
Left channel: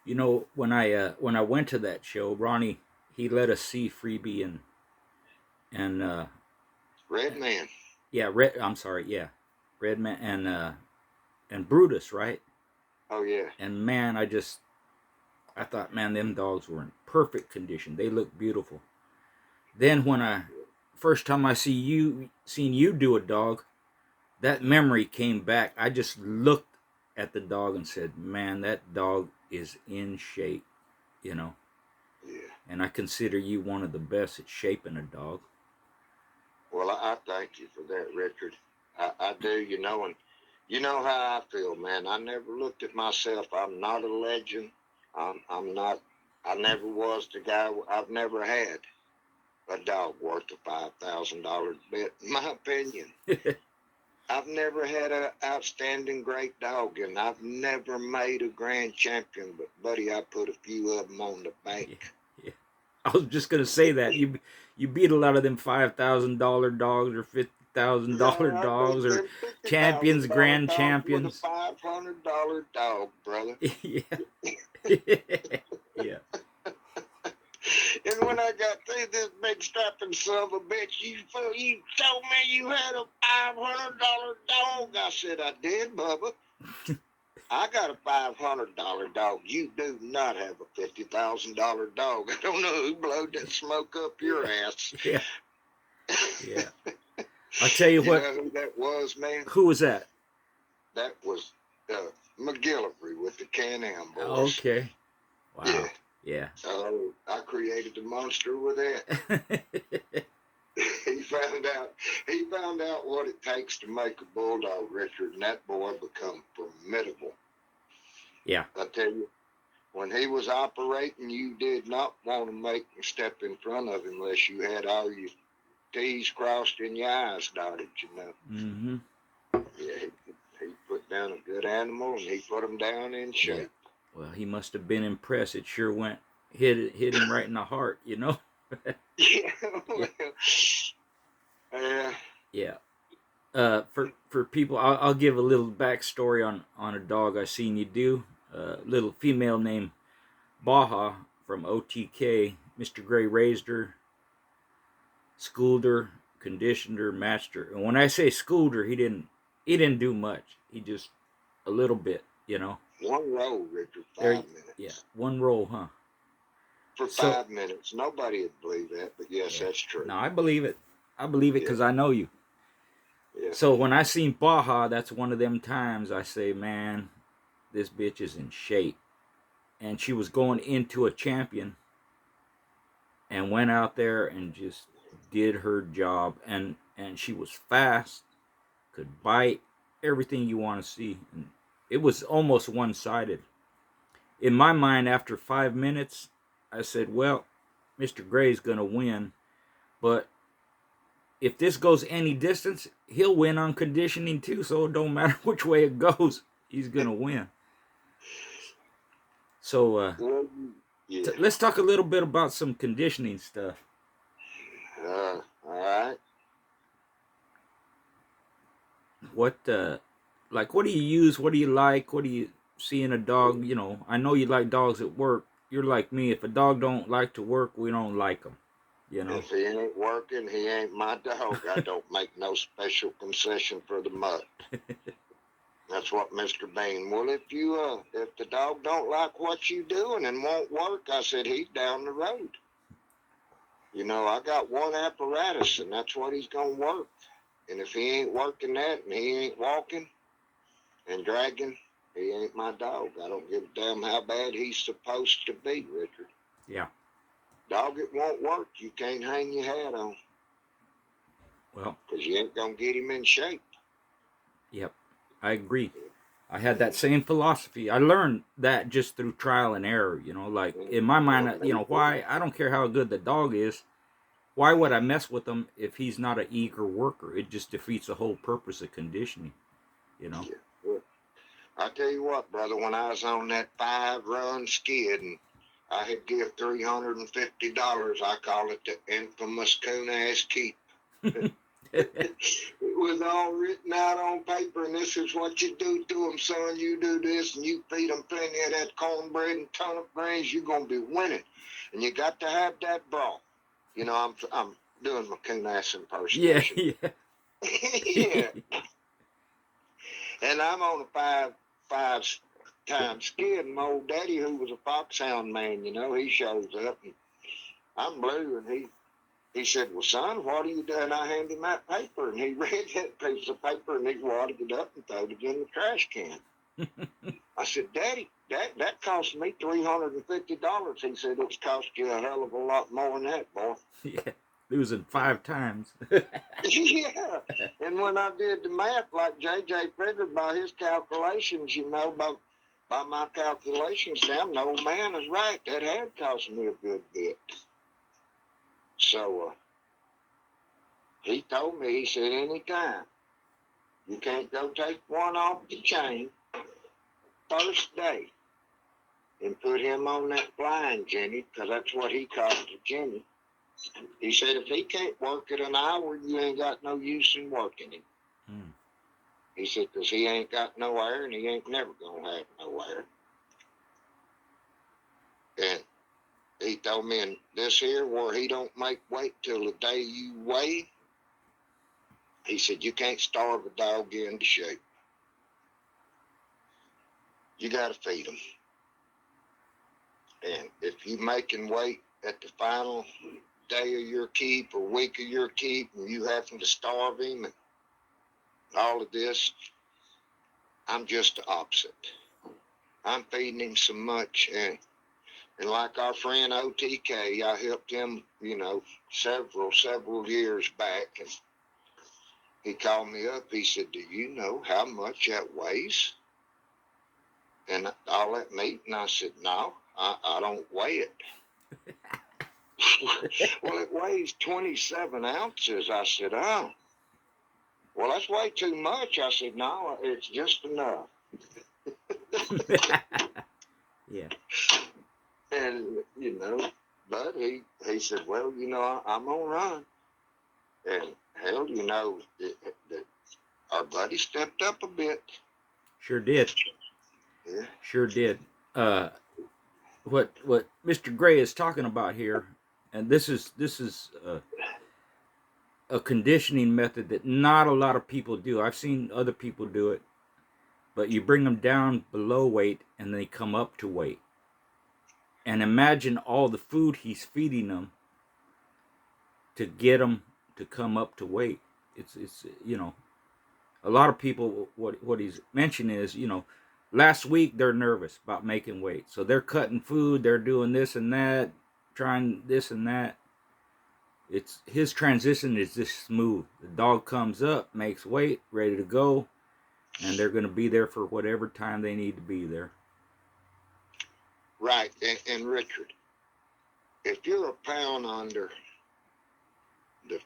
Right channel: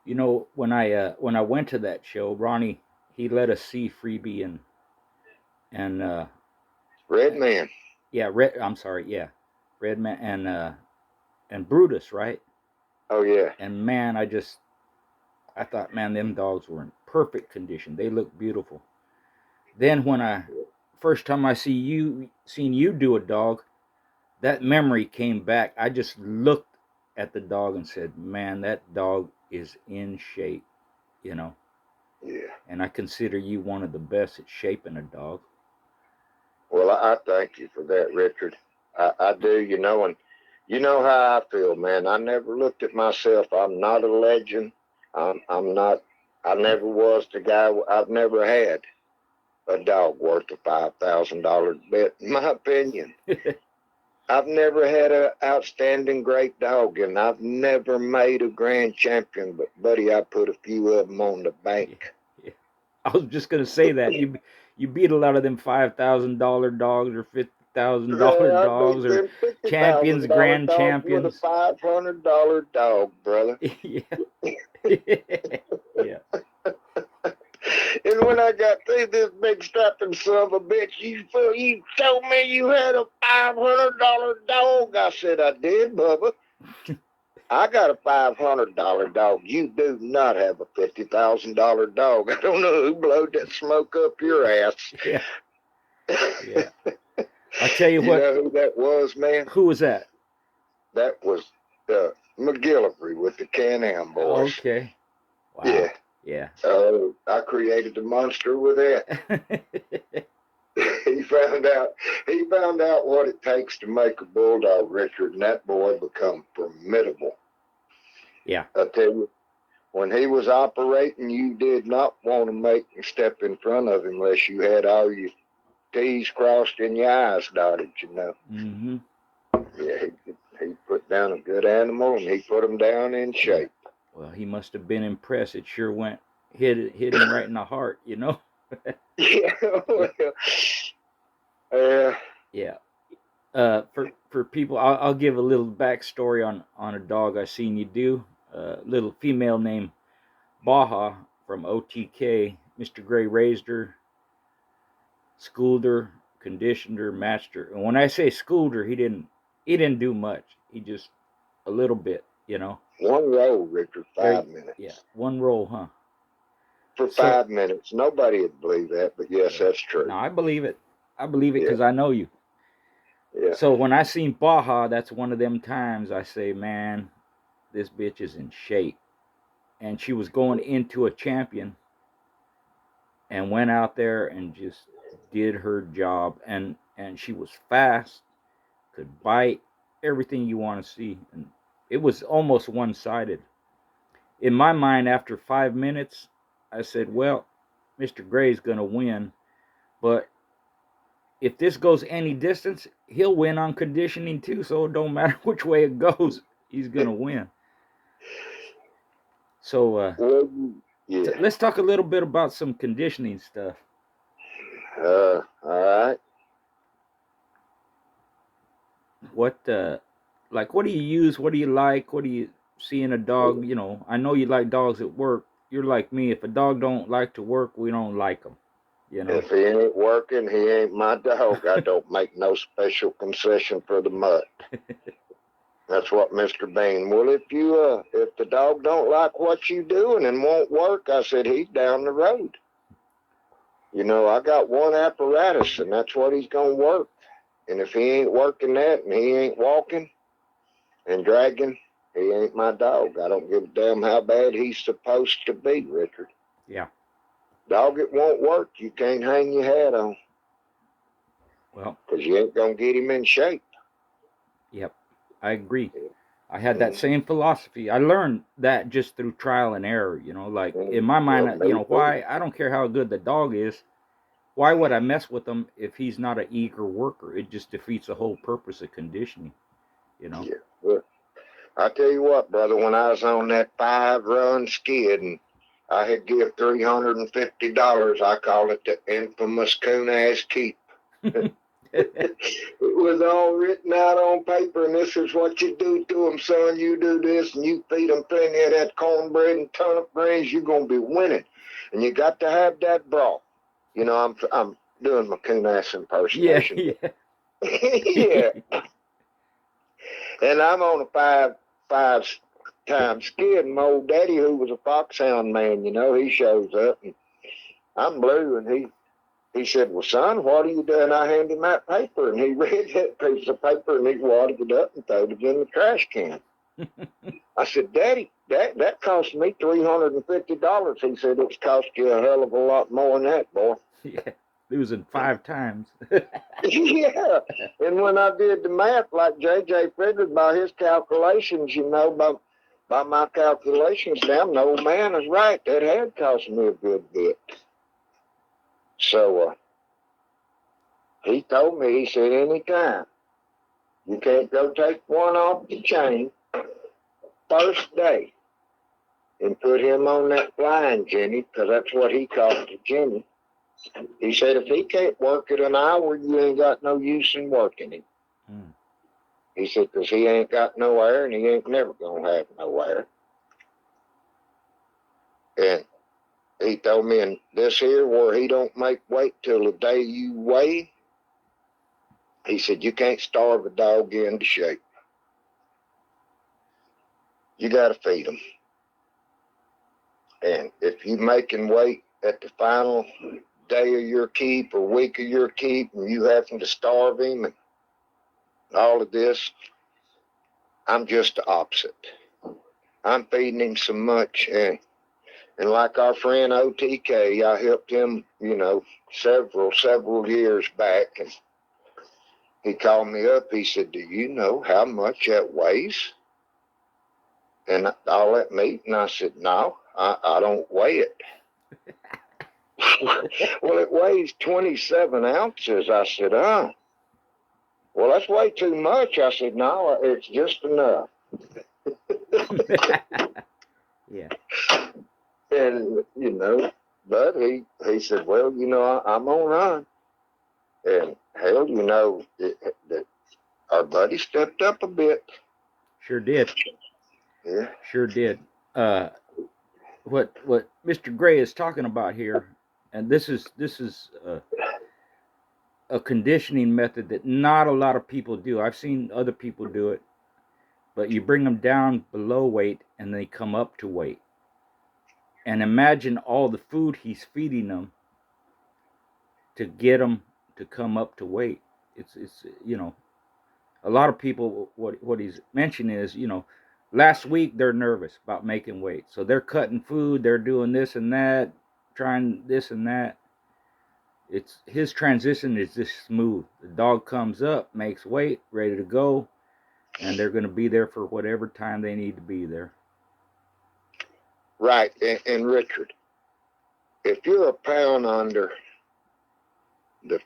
You know, when I went to that show, Ronnie, he let us see Freebie and Red man. yeah, Red. I'm sorry, yeah, Redman and Brutus, right? Oh, yeah. And man, I thought, man, them dogs were in perfect condition. They look beautiful. Then when I first time I seen you do a dog, that memory came back. I just looked at the dog and said, man, that dog is in shape, you know. Yeah. And I consider you one of the best at shaping a dog. Well, I thank you for that, Richard. I do, and you know how I feel, man. I never looked at myself. I'm not a legend. I'm not, I never was the guy. I've never had a dog worth a $5,000 bet, in my opinion. I've never had an outstanding great dog, and I've never made a grand champion. But, buddy, I put a few of them on the bank. Yeah, yeah. I was just gonna say that you beat a lot of them $5,000 dogs or $50,000 Yeah, I beat dogs or them fifty champions, thousand dollar grand dog with a champions. $500 dog, brother. Yeah, yeah, And when I got through this big strapping son of a bitch, you told me you had a $500 dog. I said I did, Bubba. I got a $500 dog. You do not have a $50,000 dog. I don't know who blowed that smoke up your ass. yeah, yeah. I tell you You what, know who that was, man? who was that? That was McGillivray with the Can-Am boys. Okay, Yeah. wow, yeah. I created the monster with that. he found out what it takes to make a bulldog, Richard, and that boy become formidable. Yeah, I tell you, when he was operating, you did not want to make him step in front of him unless you had all your T's crossed and your I's dotted, mm-hmm. Yeah, he put down a good animal, and he put him down in Yeah. shape. Well, he must have been impressed. It sure hit him right in the heart, you know. Yeah, Yeah, well, yeah. For people, I'll give a little backstory on a dog I seen you do. Little female named Baja from OTK. Mr. Gray raised her, schooled her, conditioned her, matched her. And when I say schooled her, he didn't do much. He just a little bit, you know. one roll, Richard, There, 5 minutes. yeah, one roll, huh? For So 5 minutes. Nobody would believe that, but yes, yeah, that's true. no, I believe it. I believe it Yeah. because I know you. Yeah. So when I seen Baja, that's one of them times I say, man, this bitch is in shape. And she was going into a champion and went out there and just did her job. And she was fast, could bite, everything you want to see. And it was almost one sided. In my mind, after 5 minutes, I said, well, Mr. Gray's going to win. But if this goes any distance, he'll win on conditioning too. So it don't matter which way it goes, he's going to win. So Well, yeah. let's talk a little bit about some conditioning stuff. All right. What what do you use? What do you like? What do you see in a dog? You know, I know you like dogs at work. You're like me. If a dog don't like to work, we don't like them. You know. If he ain't working, he ain't my dog. I don't make no special concession for the mutt. That's what Mr. Bean. Well, if the dog don't like what you doing and won't work, I said he's down the road. You know, I got one apparatus, and that's what he's gonna work. And if he ain't working that, and he ain't walking and dragging, he ain't my dog. I don't give a damn how bad he's supposed to be, Richard. Yeah. Dog, it won't work. You can't hang your hat on. Well. Because you ain't gonna get him in shape. Yep. I agree. I had that same philosophy. I learned that just through trial and error, you know, like in my mind, you know, why I don't care how good the dog is. Why would I mess with him if he's not an eager worker? It just defeats the whole purpose of conditioning, you know? Yeah. Well, I tell you what, brother, when I was on that 5-run skid and I had give $350, I call it the infamous coon ass keep. It was all written out on paper, and this is what you do to them, son. You do this, and you feed them plenty of that cornbread and turnip greens, you're going to be winning. And you got to have that broth. You know, I'm doing my coon ass impersonation. Yeah. Yeah. And I'm on a five-time skid, and my old daddy, who was a foxhound man, you know, he shows up, and I'm blue, and he said, well, son, what are you doing? I handed him that paper, and he read that piece of paper, and he wadded it up and threw it in the trash can. I said, Daddy, that cost me $350. He said, it's cost you a hell of a lot more than that, boy. Yeah. Losing 5 times. Yeah. And when I did the math, like JJ figured by his calculations, you know, by my calculations, damn, the old man is right. That had cost me a good bit. So he told me, he said, anytime you can't go take one off the chain first day and put him on that flying Jenny, because that's what he called the Jenny. He said, if he can't work it an hour, you ain't got no use in working him. He said, because he ain't got no air, and he ain't never going to have no air. And he told me, in this here, where he don't make weight till the day you weigh, he said, you can't starve a dog into shape. You got to feed him. And if you making weight at the final day of your keep or week of your keep, and you having to starve him and all of this, I'm just the opposite. I'm feeding him so much. And like our friend OTK, I helped him, you know, several years back. And he called me up. He said, do you know how much that weighs? And all that meat? And I said, no, I don't weigh it. Well, it weighs 27 ounces. I said, well, that's way too much. I said, no, it's just enough. Yeah. And, you know, but he said, well, you know, I'm going to run. And hell, you know, our buddy stepped up a bit. Sure did. Yeah. Sure did. What Mr. Gray is talking about here, and this is a conditioning method that not a lot of people do. I've seen other people do it, but you bring them down below weight and they come up to weight. And imagine all the food he's feeding them to get them to come up to weight. It's you know, a lot of people, what he's mentioning is, last week they're nervous about making weight, so they're cutting food, they're doing this and that, trying this and that. It's his transition is just smooth. The dog comes up, makes weight, ready to go, and they're going to be there for whatever time they need to be there. Right. And Richard, if you're a pound under the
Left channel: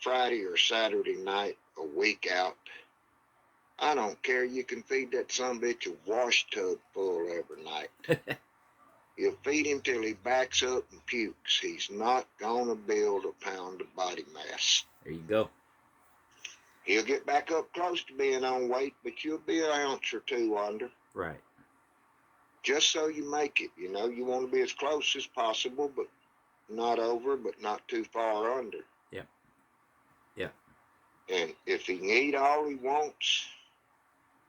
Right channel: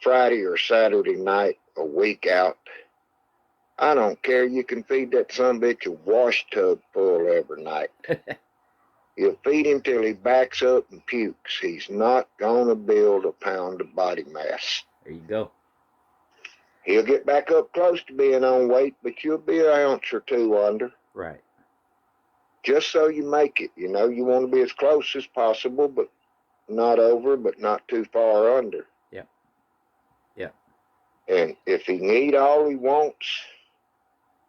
Friday or Saturday night, a week out, I don't care. You can feed that son bitch a wash tub full every night. You'll feed him till he backs up and pukes. He's not going to build a pound of body mass. There you go. He'll get back up close to being on weight, but you'll be an ounce or two under. Right. Just so you make it. You want to be as close as possible, but not over, but not too far under. Yep. Yep. And if he can eat all he wants,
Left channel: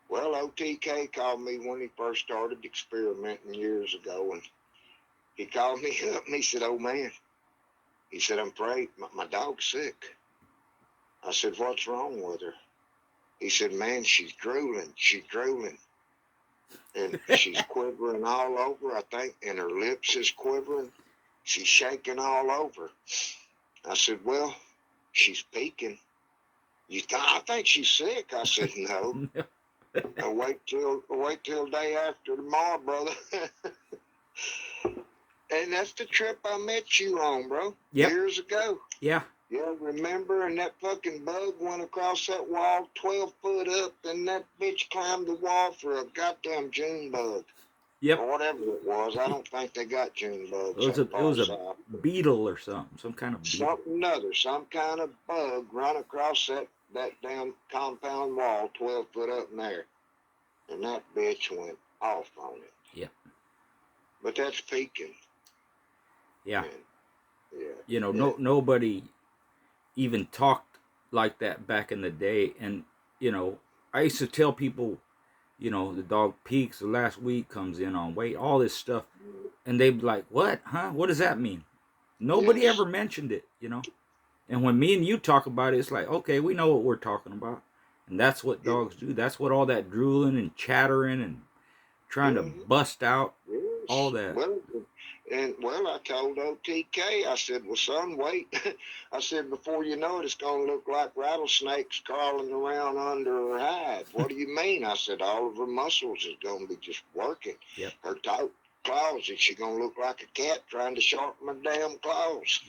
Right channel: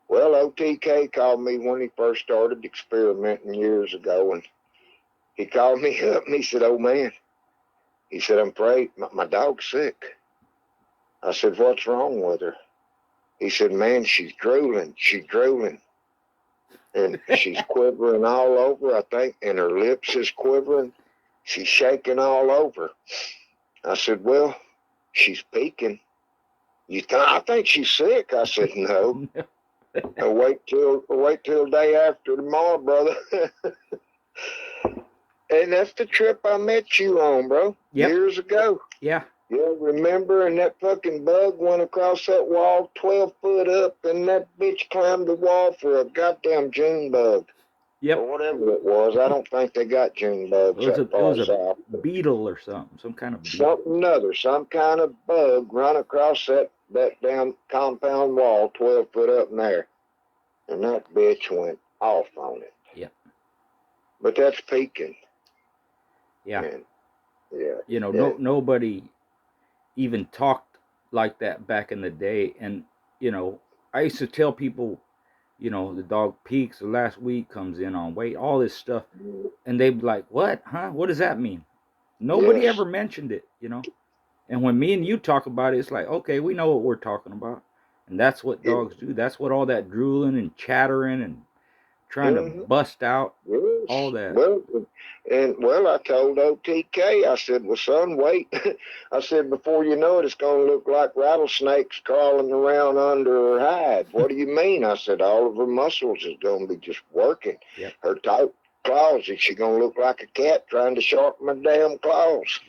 well, OTK called me when he first started experimenting years ago, and he called me up and he said, "Oh man," he said, "I'm afraid my dog's sick." I said, "What's wrong with her?" He said, "Man, she's drooling, and she's quivering all over, I think, and her lips is quivering. She's shaking all over." I said, "Well, she's peaking. I think she's sick." I said, "No. Wait till day after tomorrow, brother." And that's the trip I met you on, bro. Yep. Years ago. Yeah. Yeah, remember? And that fucking bug went across that wall 12 foot up, and that bitch climbed the wall for a goddamn June bug. Yep. Or whatever it was. I don't think they got June bugs. It was a beetle or something. Some kind of beetle. Some kind of bug run across that damn compound wall 12 foot up in there. And that bitch went off on it. Yep. But that's peaking. Yeah. And, yeah. Nobody even talked like that back in the day. And, I used to tell people, the dog peaks, the last week comes in on weight, all this stuff. And they'd be like, "What? Huh? What does that mean?" Nobody ever mentioned it, And when me and you talk about it, it's like, okay, we know what we're talking about. And that's what dogs do. That's what all that drooling and chattering and trying to bust out, all that. Well, I told OTK, I said, "Well, son, wait." I said, "Before you know it, it's going to look like rattlesnakes crawling around under her hide." "What do you mean?" I said, "All of her muscles is going to be just working. Yep. Her tight claws, is she going to look like a cat trying to sharpen my damn claws?"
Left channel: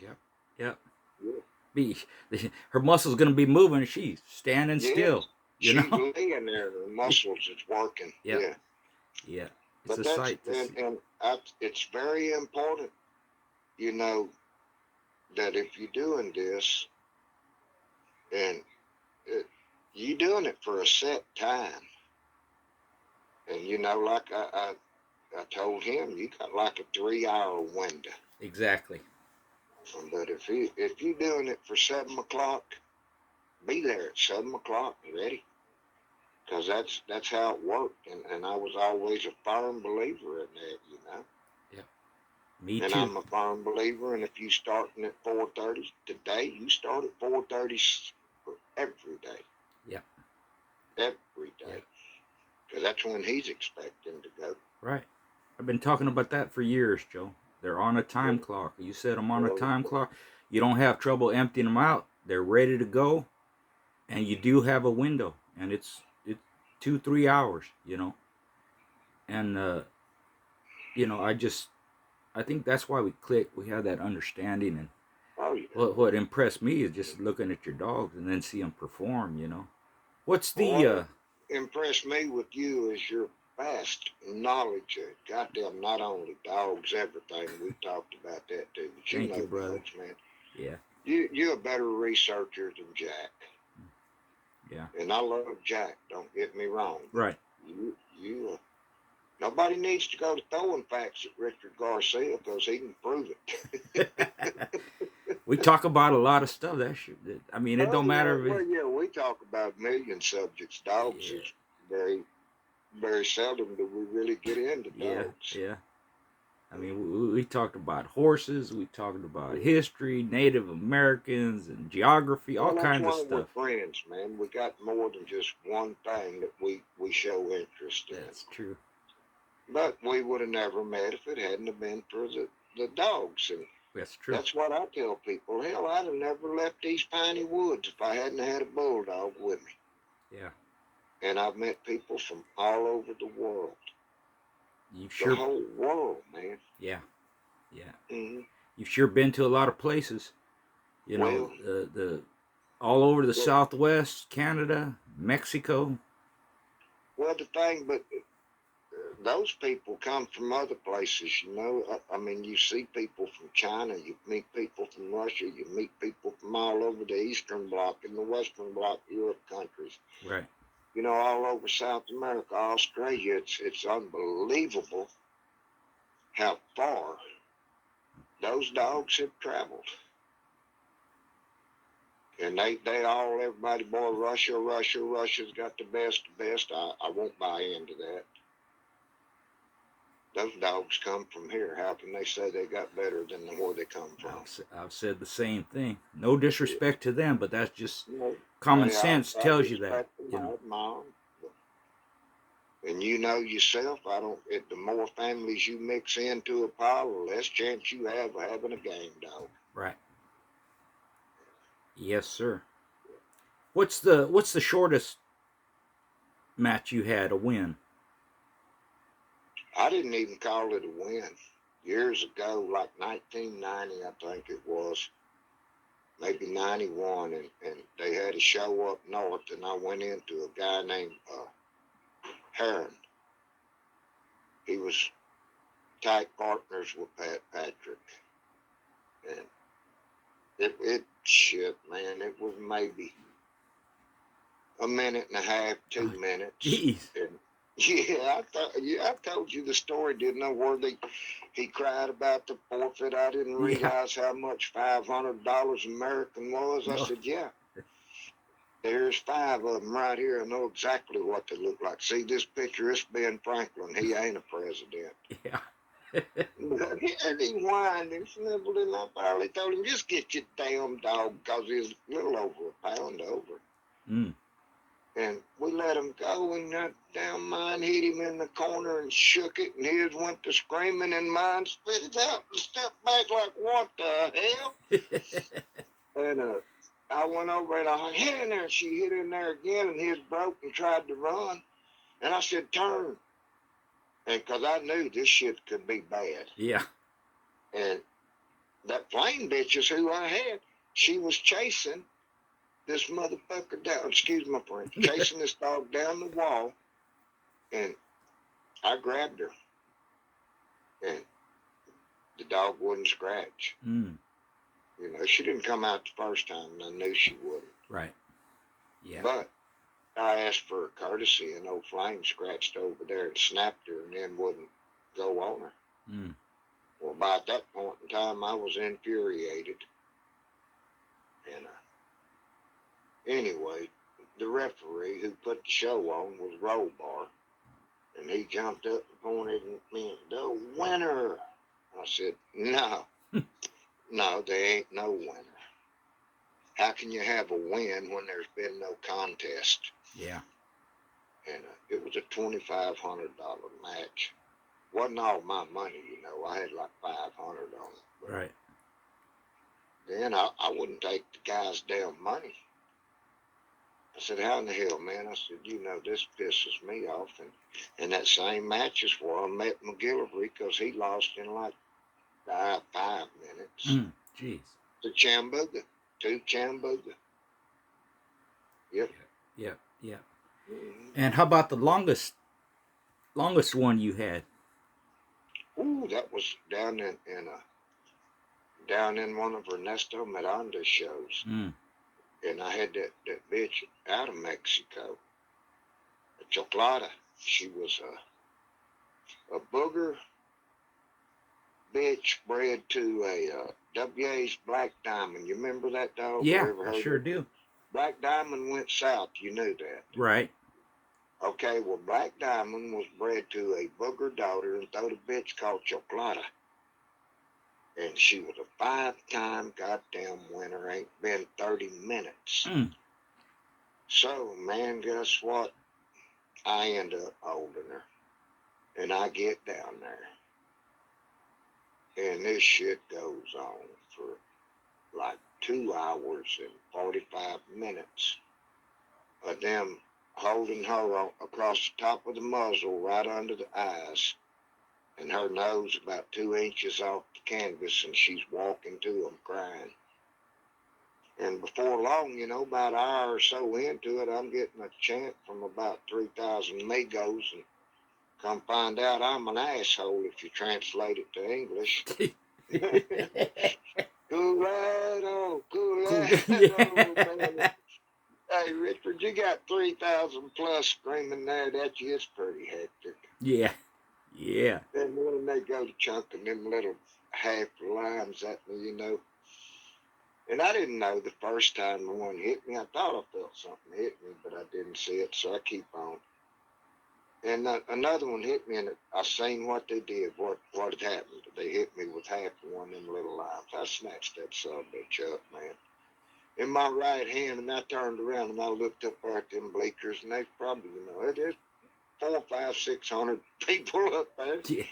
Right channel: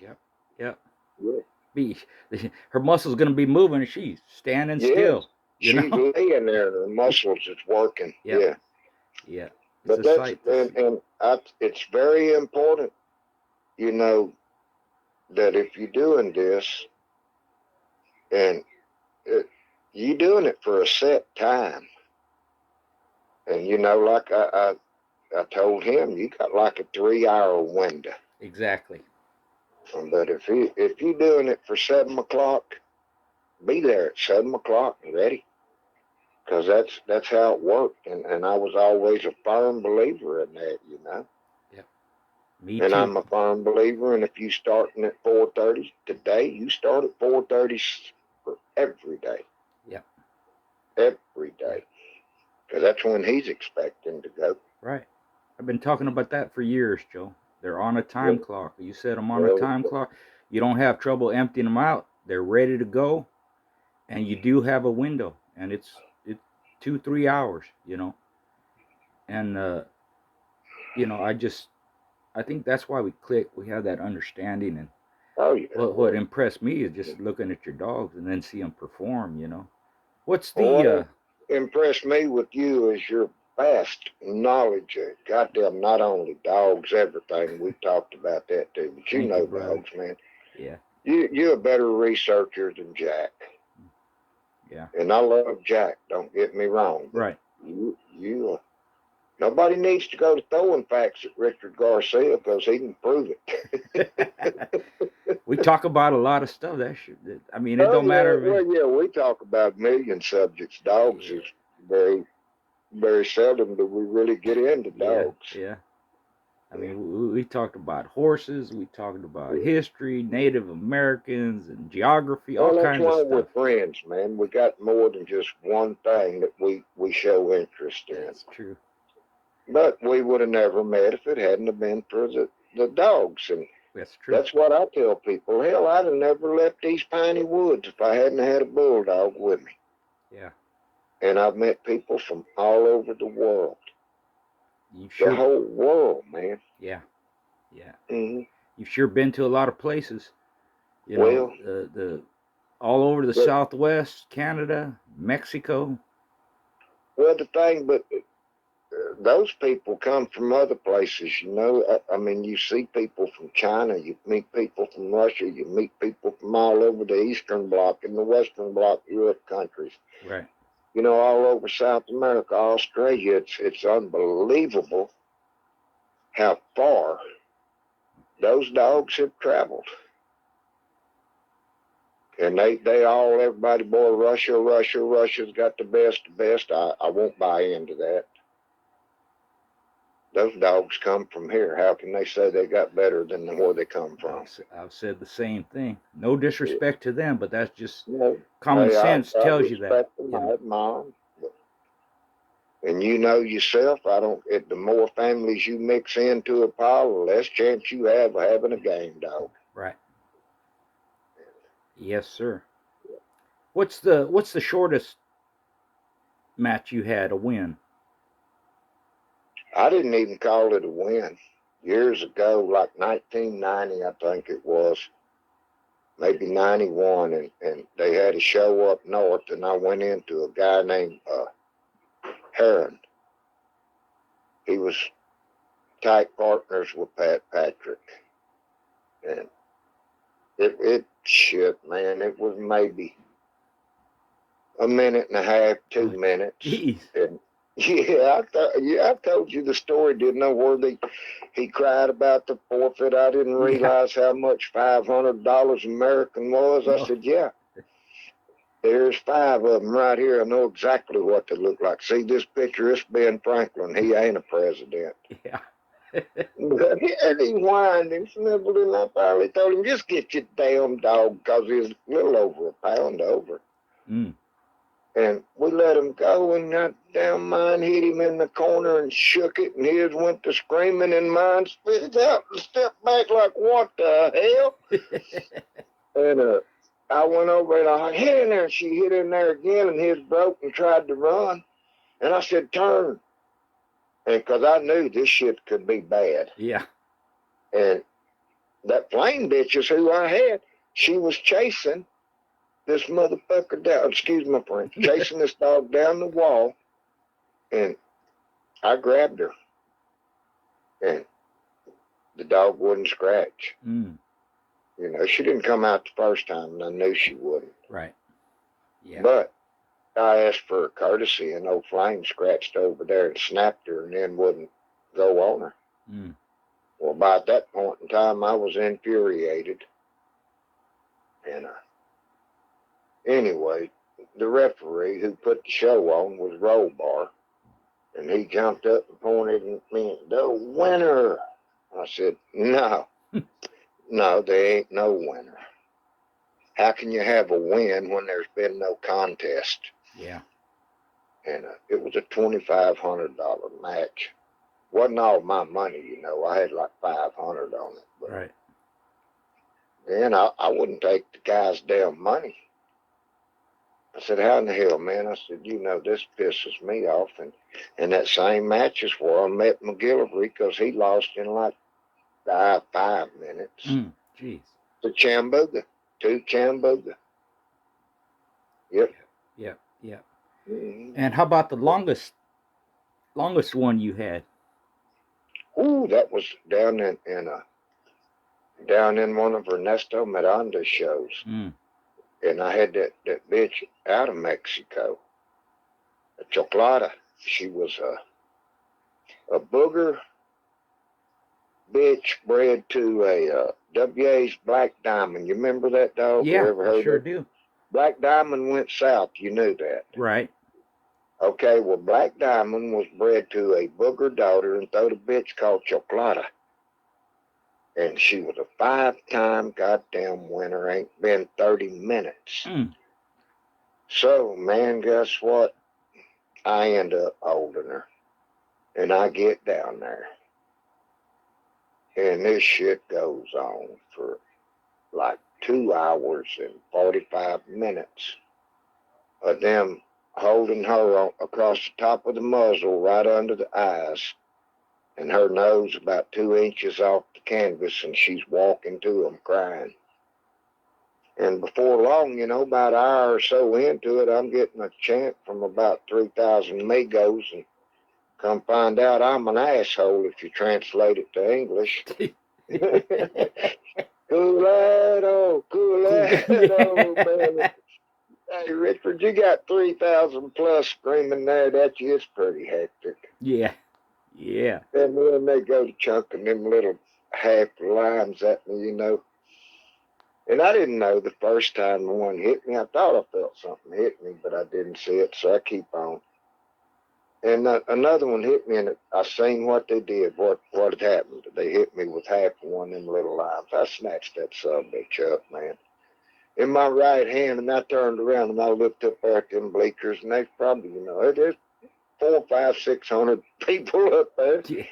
Yep. Her muscles going to be moving, and she's standing still. She's laying there, and her muscles is working. Yeah. It's a sight to see. It's very important, that if you're doing this, and you're doing it for a set time, and like I told him, you got like a 3-hour window. Exactly. But if you're doing it for 7 o'clock, be there at 7 o'clock and ready. Because that's how it worked, and I was always a firm believer in that, Yep. Me and too. I'm a firm believer, and if you starting at 4:30 today, you start at 4:30 for every day. Yep. Every day. Because that's when he's expecting to go. Right. I've been talking about that for years, Joe. They're on a time clock. You set them on a time clock. You don't have trouble emptying them out. They're ready to go, and you do have a window, and it's 2-3 hours, and I think that's why we click. We have that understanding, and what impressed me is just looking at your dogs and then see them perform. What's the what impressed me with you is your vast knowledge of goddamn not only dogs, everything. We talked about that too, but you know dogs, man. Yeah. You're a better researcher than Jack. Yeah. And I love Jack, don't get me wrong. Right. Nobody needs to go to throwing facts at Richard Garcia because he can prove it. We talk about a lot of stuff. It don't matter. We talk about a million subjects. Dogs is very, very seldom do we really get into dogs. Yeah. I mean, we talked about horses, we talked about history, Native Americans, and geography, all Well, that's kinds of why we're stuff. friends, man. We got more than just one thing that we show interest in. That's true. But we would have never met if it hadn't have been for the dogs. And That's true. that's what I tell people. Hell, I'd have never left these piney woods if I hadn't had a bulldog with me. Yeah. And I've met people from all over the world. You've sure. The whole world, man. Yeah. Yeah. Mm-hmm. You've sure been to a lot of places. You know, Well, the all over the Southwest, Canada, Mexico. Well, the thing, but those people come from other places, you know. I mean, you see people from China, you meet people from Russia, you meet people from all over the Eastern Bloc and the Western Bloc, Europe countries. Right. You know, all over South America, Australia. It's unbelievable how far those dogs have traveled. And everybody, boy, Russia's got the best. I won't buy into that. Those dogs come from here. How can they say they got better than where they come from? I've said the same thing. No disrespect to them, but that's just common Hey, sense I tells you that. Them, I admire them. And you know yourself, the more families you mix into a pile, the less chance you have of having a game dog. Right. Yes, sir. What's the shortest match you had, a win? I didn't even call it a win. Years ago, like 1990, I think it was, maybe 91, and they had a show up north, and I went into a guy named Heron. He was tight partners with Pat Patrick. And shit, man, it was maybe a minute and a half, 2 minutes. Jeez. And I told you the story, didn't I? Where he cried about the forfeit. I didn't realize how much $500 American was. I said, yeah. There's 5 of them right here. I know exactly what they look like. See this picture? It's Ben Franklin. He ain't a president. Yeah. And he whined and sniveled, and I finally told him, just get your damn dog, because he was a little over a pound over. Mm. And we let him go, and that damn mine hit him in the corner and shook it, and his went to screaming, and mine spit it out and stepped back like, what the hell? And I went over and I hit in there, and she hit in there again, and his broke and tried to run. And I said, turn. And because I knew this shit could be bad. Yeah. And that flame bitch is who I had. She was chasing this motherfucker down, excuse my French, chasing this dog down the wall. And I grabbed her. And the dog wouldn't scratch. Mm. You know, she didn't come out the first time, and I knew she wouldn't. Right. Yeah. But I asked for a courtesy, and old Flame scratched over there and snapped her and then wouldn't go on her. Mm. Well, by that point in time, I was infuriated. And anyway, the referee who put the show on was Rollbar. And he jumped up and pointed at me, the winner. I said, no. No, there ain't no winner. How can you have a win when there's been no contest? Yeah. And it was a $2,500 match. Wasn't all my money, you know. I had like $500 on it. But right. then I wouldn't take the guy's damn money. I said, how in the hell, man? I said, you know, this pisses me off. And that same match is where I met McGillivray, because he lost in like 5 minutes. Jeez. To Chambuga. Yep. Mm-hmm. And how about the longest one you had? Ooh, that was down in one of Ernesto Miranda's shows. Mm. And I had that bitch out of Mexico, a Chocolata. She was a booger bitch bred to a WA's Black Diamond. You remember that dog? Yeah, ever heard I sure of it? do. Black Diamond went south. You knew that. Right. Okay, well, Black Diamond was bred to a booger daughter and throw a bitch called Chocolata. And she was a 5-time goddamn winner. Ain't been 30 minutes. Mm. So, man, guess what? I end up holding her. And I get down there. And this shit goes on for like 2 hours and 45 minutes of them holding her across the top of the muzzle right under the eyes, and her nose about 2 inches off the canvas, and she's walking to them crying. And before long, about an hour or so into it, I'm getting a chant from about 3,000 amigos, and come find out I'm an asshole if you translate it to English. Culado, man. Hey, Richard, you got 3,000 plus screaming there at you. It's pretty hectic. Yeah. Yeah. And then they go to chunking them little half lines at me, And I didn't know the first time the one hit me. I thought I felt something hit me, but I didn't see it, so I keep on. And another one hit me, and I seen what they did, what had happened. They hit me with half of one of them little lines. I snatched that subbitch up, man, in my right hand, and I turned around and I looked up there at them bleachers, and there's probably, there's 400, 500, 600 people up there. Yeah.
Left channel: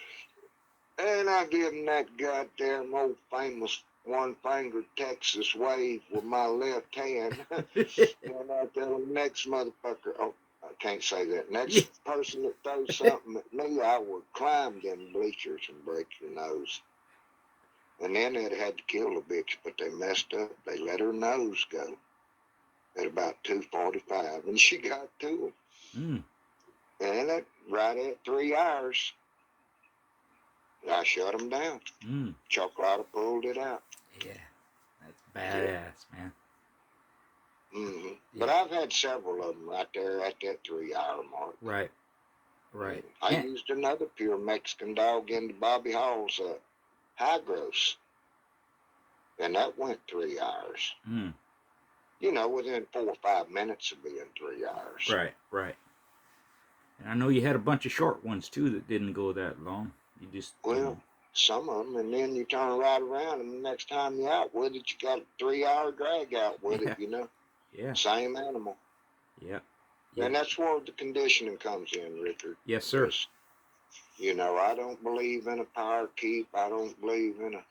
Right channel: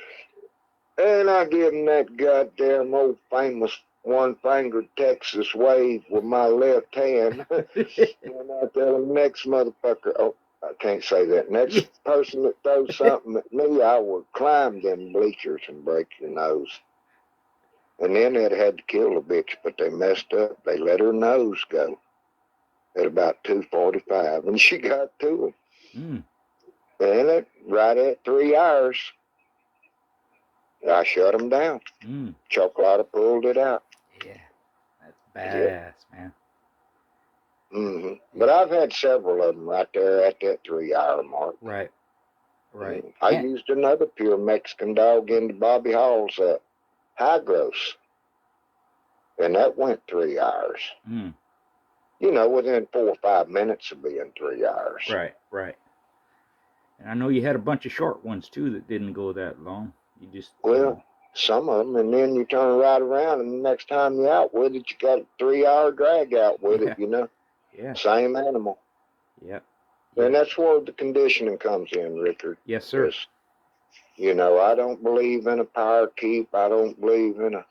And I give them that goddamn old famous one-fingered Texas wave with my left hand. And I tell them, next motherfucker, oh, I can't say that. Next person that throws something at me, I will climb them bleachers and break your nose. And then they'd had to kill the bitch, but they messed up. They let her nose go at about 2:45, and she got to them. And right at 3 hours, I shut them down. Chocolate pulled it out. Yeah, that's badass, man. Mm-hmm. Yeah. But I've had several of them right there at that 3 hour mark. Right. I used another pure Mexican dog into Bobby Hall's high gross, and that went 3 hours. Within 4 or 5 minutes of being 3 hours. Right. And I know you had a bunch of short ones too that didn't go that long. You just some of them, and then you turn right around, and the next time you're out with it, you got a 3 hour drag out with it. Yeah. Same animal. Yeah. And that's where the conditioning comes in, Richard. Yes, sir. I don't believe in a power keep. I don't believe in a,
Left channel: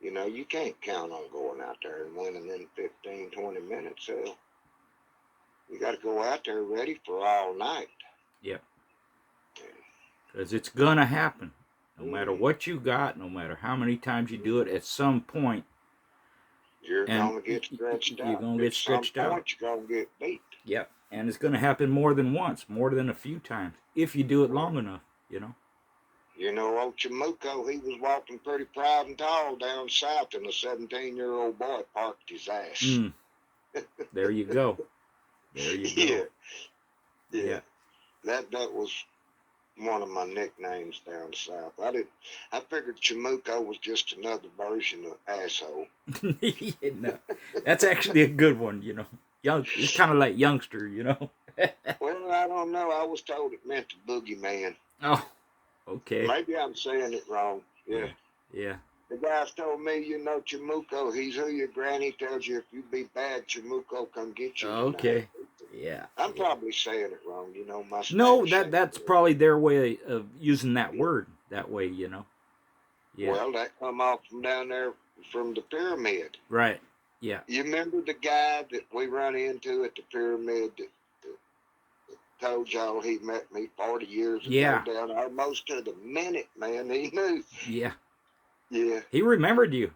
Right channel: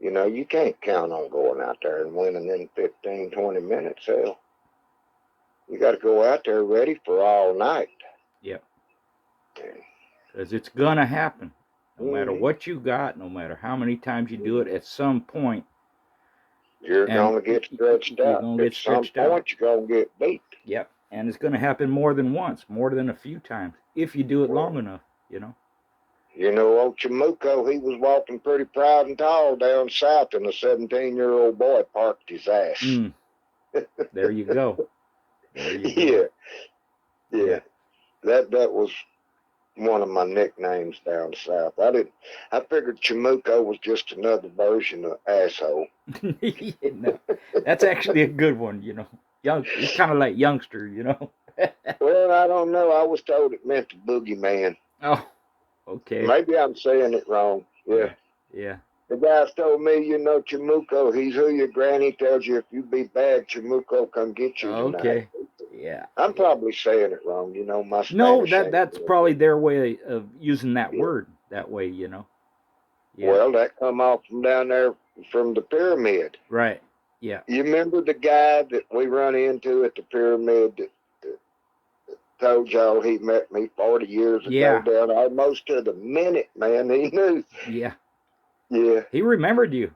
you can't count on going out there and winning in 15, 20 minutes. Hell, you got to go out there ready for all night. Yep. Because it's going to happen. No matter what you got, no matter how many times you do it, at some point, you're going to get stretched out. You're going to get stretched out. At some point, you're going to get beat. Yep. And it's going to happen more than once, more than a few times, if you do it long enough, Old Chamuco, he was walking pretty proud and tall down south, and a 17-year-old boy parked his ass. There you go. Yeah. That was one of my nicknames down south. I figured Chamuco was just another version of asshole. No, that's actually a good one, It's kind of like youngster, Well, I don't know. I was told it meant the boogeyman. Oh, okay. Maybe I'm saying it wrong. Yeah. The guys told me, Chamuco, he's who your granny tells you if you be bad, Chamuco come get you. Okay. Yeah. I'm probably saying it wrong, my Spanish. No, that's probably their way of using that word that way, Yeah. Well, that come off from down there from the pyramid. Right. Yeah. You remember the guy that we run into at the pyramid that told y'all he met me 40 years ago down almost to the minute, man. He knew. Yeah. Yeah. He remembered you,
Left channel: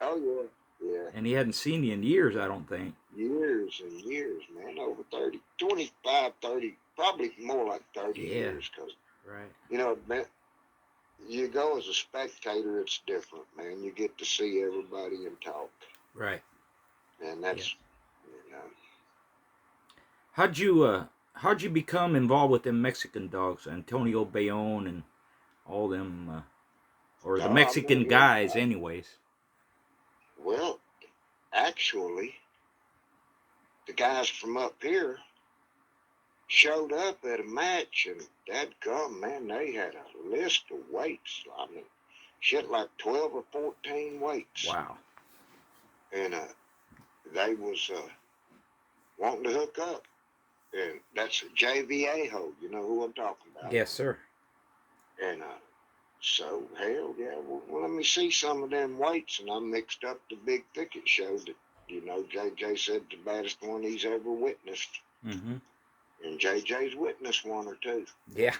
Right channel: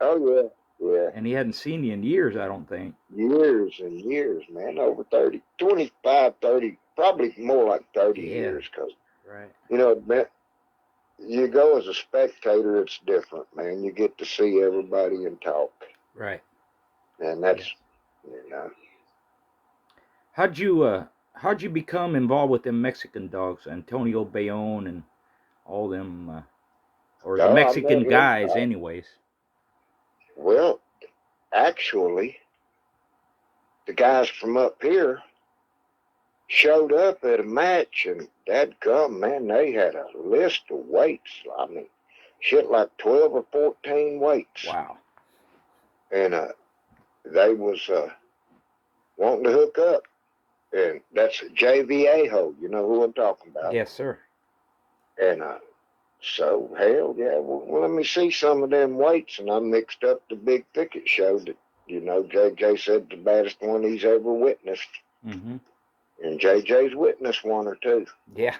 Oh, yeah. And he hadn't seen you in years, I don't think. Years and years, man. Over 30, 25, 30, probably more like 30 years. Cause, you go as a spectator, it's different, man. You get to see everybody and talk. Right. And that's, How'd you become involved with them Mexican dogs, Antonio Bayonne and all them, or the Mexican guys, anyways? Well, actually, the guys from up here showed up at a match, and dadgum, man, they had a list of weights. I mean, shit, like 12 or 14 weights. Wow. And they was wanting to hook up. And that's JVA Ho. You know who I'm talking about. Yes, sir. And so, hell yeah, well, let me see some of them weights. And I mixed up the big thicket show that, you know, JJ said the baddest one he's ever witnessed. Mm-hmm. And JJ's witnessed one or two. Yeah.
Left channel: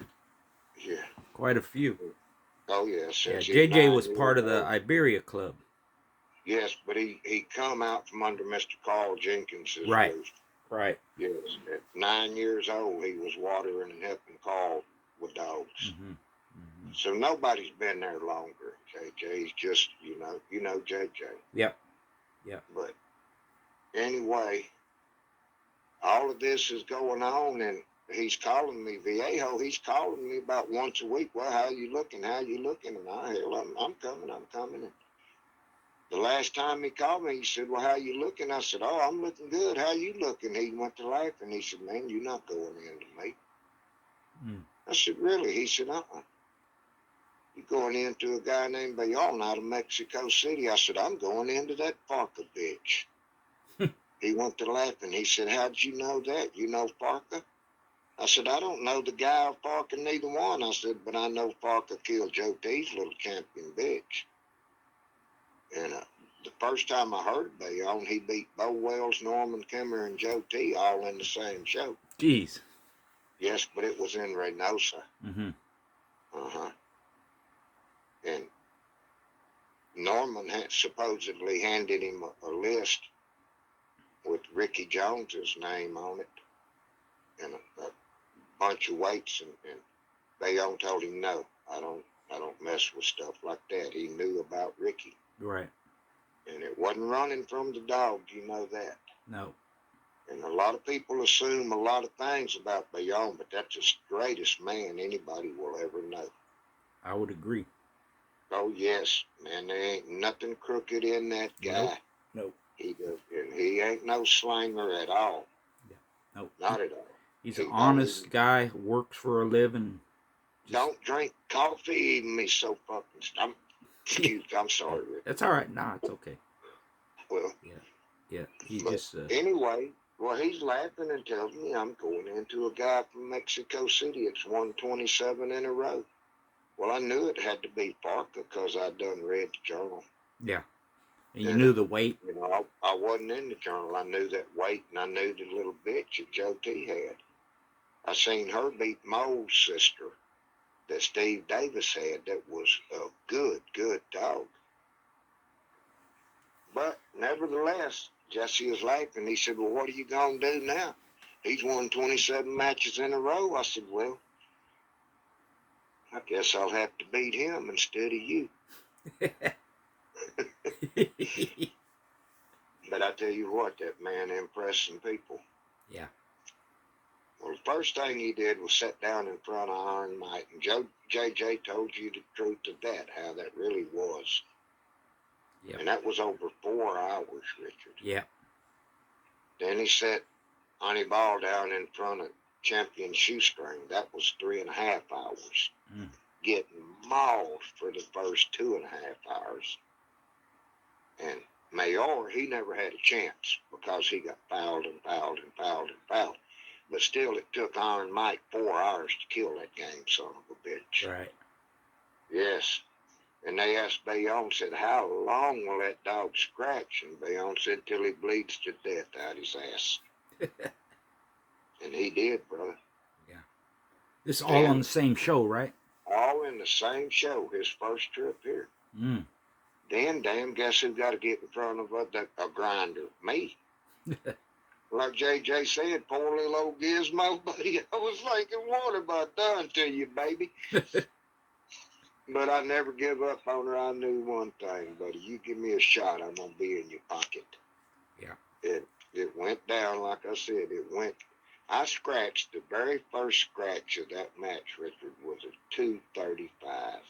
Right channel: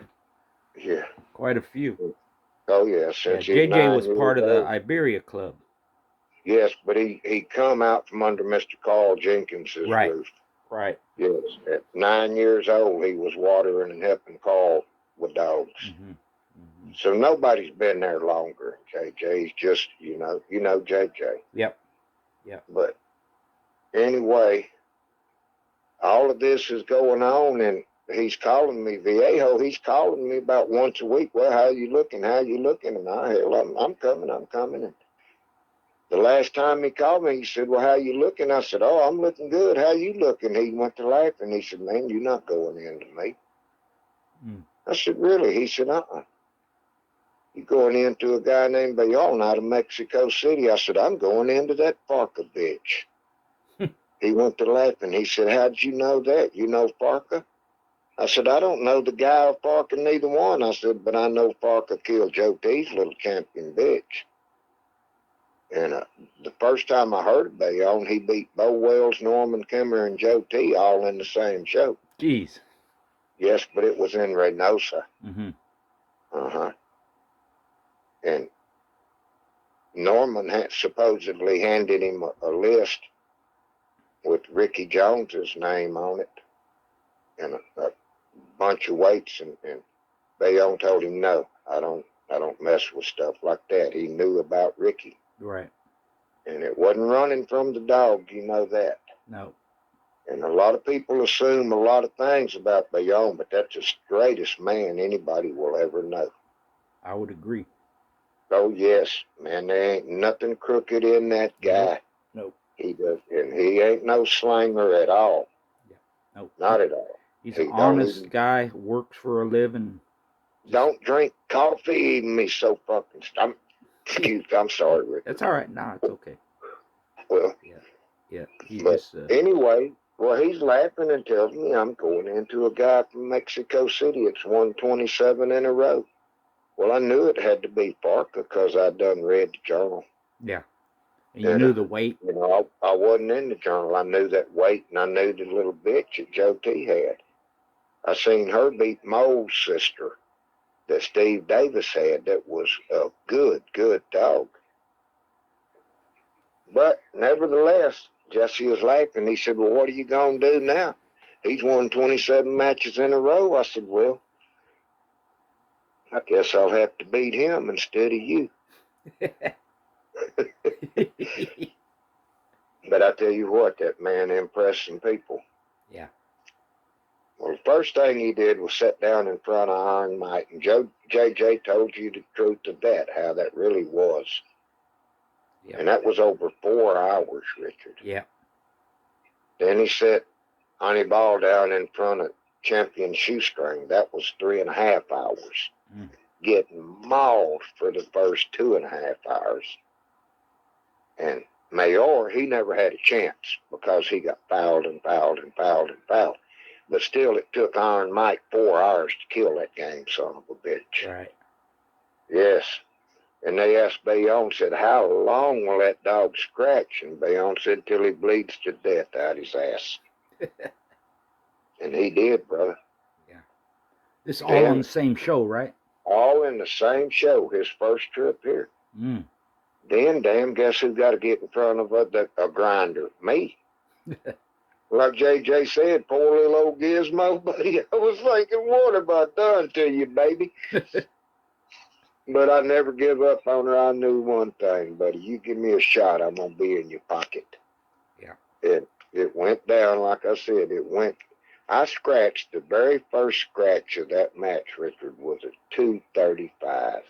Yeah. Quite a few. Oh, yeah. Yeah, Since he's JJ 9 was years part of the old. Iberia Club. Yes, but he come out from under Mr. Carl Jenkins's Right. roof. Right. Yes. At 9 years old, he was watering and helping Carl with dogs. Mm-hmm. Mm-hmm. So nobody's been there longer. JJ's just, you know JJ. Yep. Yep. But anyway, all of this is going on, and he's calling me, Viejo. He's calling me about once a week. Well, how you looking? How you looking? And I'm coming. And the last time he called me, he said, well, how you looking? I said, oh, I'm looking good. How you looking? He went to laughing. He said, man, you're not going into me. Mm. I said, really? He said, you're going into a guy named Bayonne out of Mexico City. I said, I'm going into that Farca bitch. He went to laughing. He said, how'd you know that? You know Farca? I said, I don't know the guy or Farca, neither one. I said, but I know Farca killed Joe T's little champion bitch. And the first time I heard of Bayonne, he beat Bo Wells, Norman Kimmer, and Joe T all in the same show. Jeez. Yes, but it was in Reynosa. Mm-hmm. Uh-huh. And Norman had supposedly handed him a list with Ricky Jones's name on it and a bunch of weights, and Bayonne told him, no, I don't mess with stuff like that. He knew about Ricky. Right. And it wasn't running from the dog, you know that. No. And a lot of people assume a lot of things about Bayonne, but that's the straightest man anybody will ever know. I would agree. Oh, yes, man, there ain't nothing crooked in that guy. Nope. He does, and he ain't no slanger at all. Yeah. Nope. Not at all. He's He an honest guy, works for a living. Don't drink coffee, even me so fucking. I'm sorry, Rick. That's all right. Nah, it's okay. Well, yeah. He but just. Anyway, well, he's laughing and tells me I'm going into a guy from Mexico City. It's 127 in a row. Well, I knew it had to be Farca because I'd done read the journal. Yeah. And you knew the weight? You know, I wasn't in the journal. I knew that weight, and I knew the little bitch that Joe T had. I seen her beat Mole's sister that Steve Davis had that was a good dog. But nevertheless, Jesse was laughing. He said, well, what are you going to do now? He's won 27 matches in a row. I said, well, I guess I'll have to beat him instead of you. But I tell you what, that man impressed some people. Yeah. Well, the first thing he did was sit down in front of Iron Mike, and JJ told you the truth of that, how that really was. Yep. And that was over 4 hours, Richard. Yeah. Then he set Honey Ball down in front of Champion Shoestring. That was 3.5 hours. Getting mauled for the first 2.5 hours. And Mayor, he never had a chance because he got fouled. But still, it took Iron Mike 4 hours to kill that game son of a bitch. Right. Yes. And they asked Bayonne, said, how long will that dog scratch? And Bayonne said, till he bleeds to death out his ass. And he did, brother. Yeah. This is all on the same show, right? All in the same show, his first trip here. Then, damn, guess who got to get in front of a grinder? Me. Like JJ said, poor little old Gizmo, buddy. I was thinking, what have I done to you, baby? But I never give up on her. I knew one thing, buddy. You give me a shot, I'm going to be in your pocket. Yeah. It went down, like I said, I scratched, the very first scratch of that match, Richard, was at 235.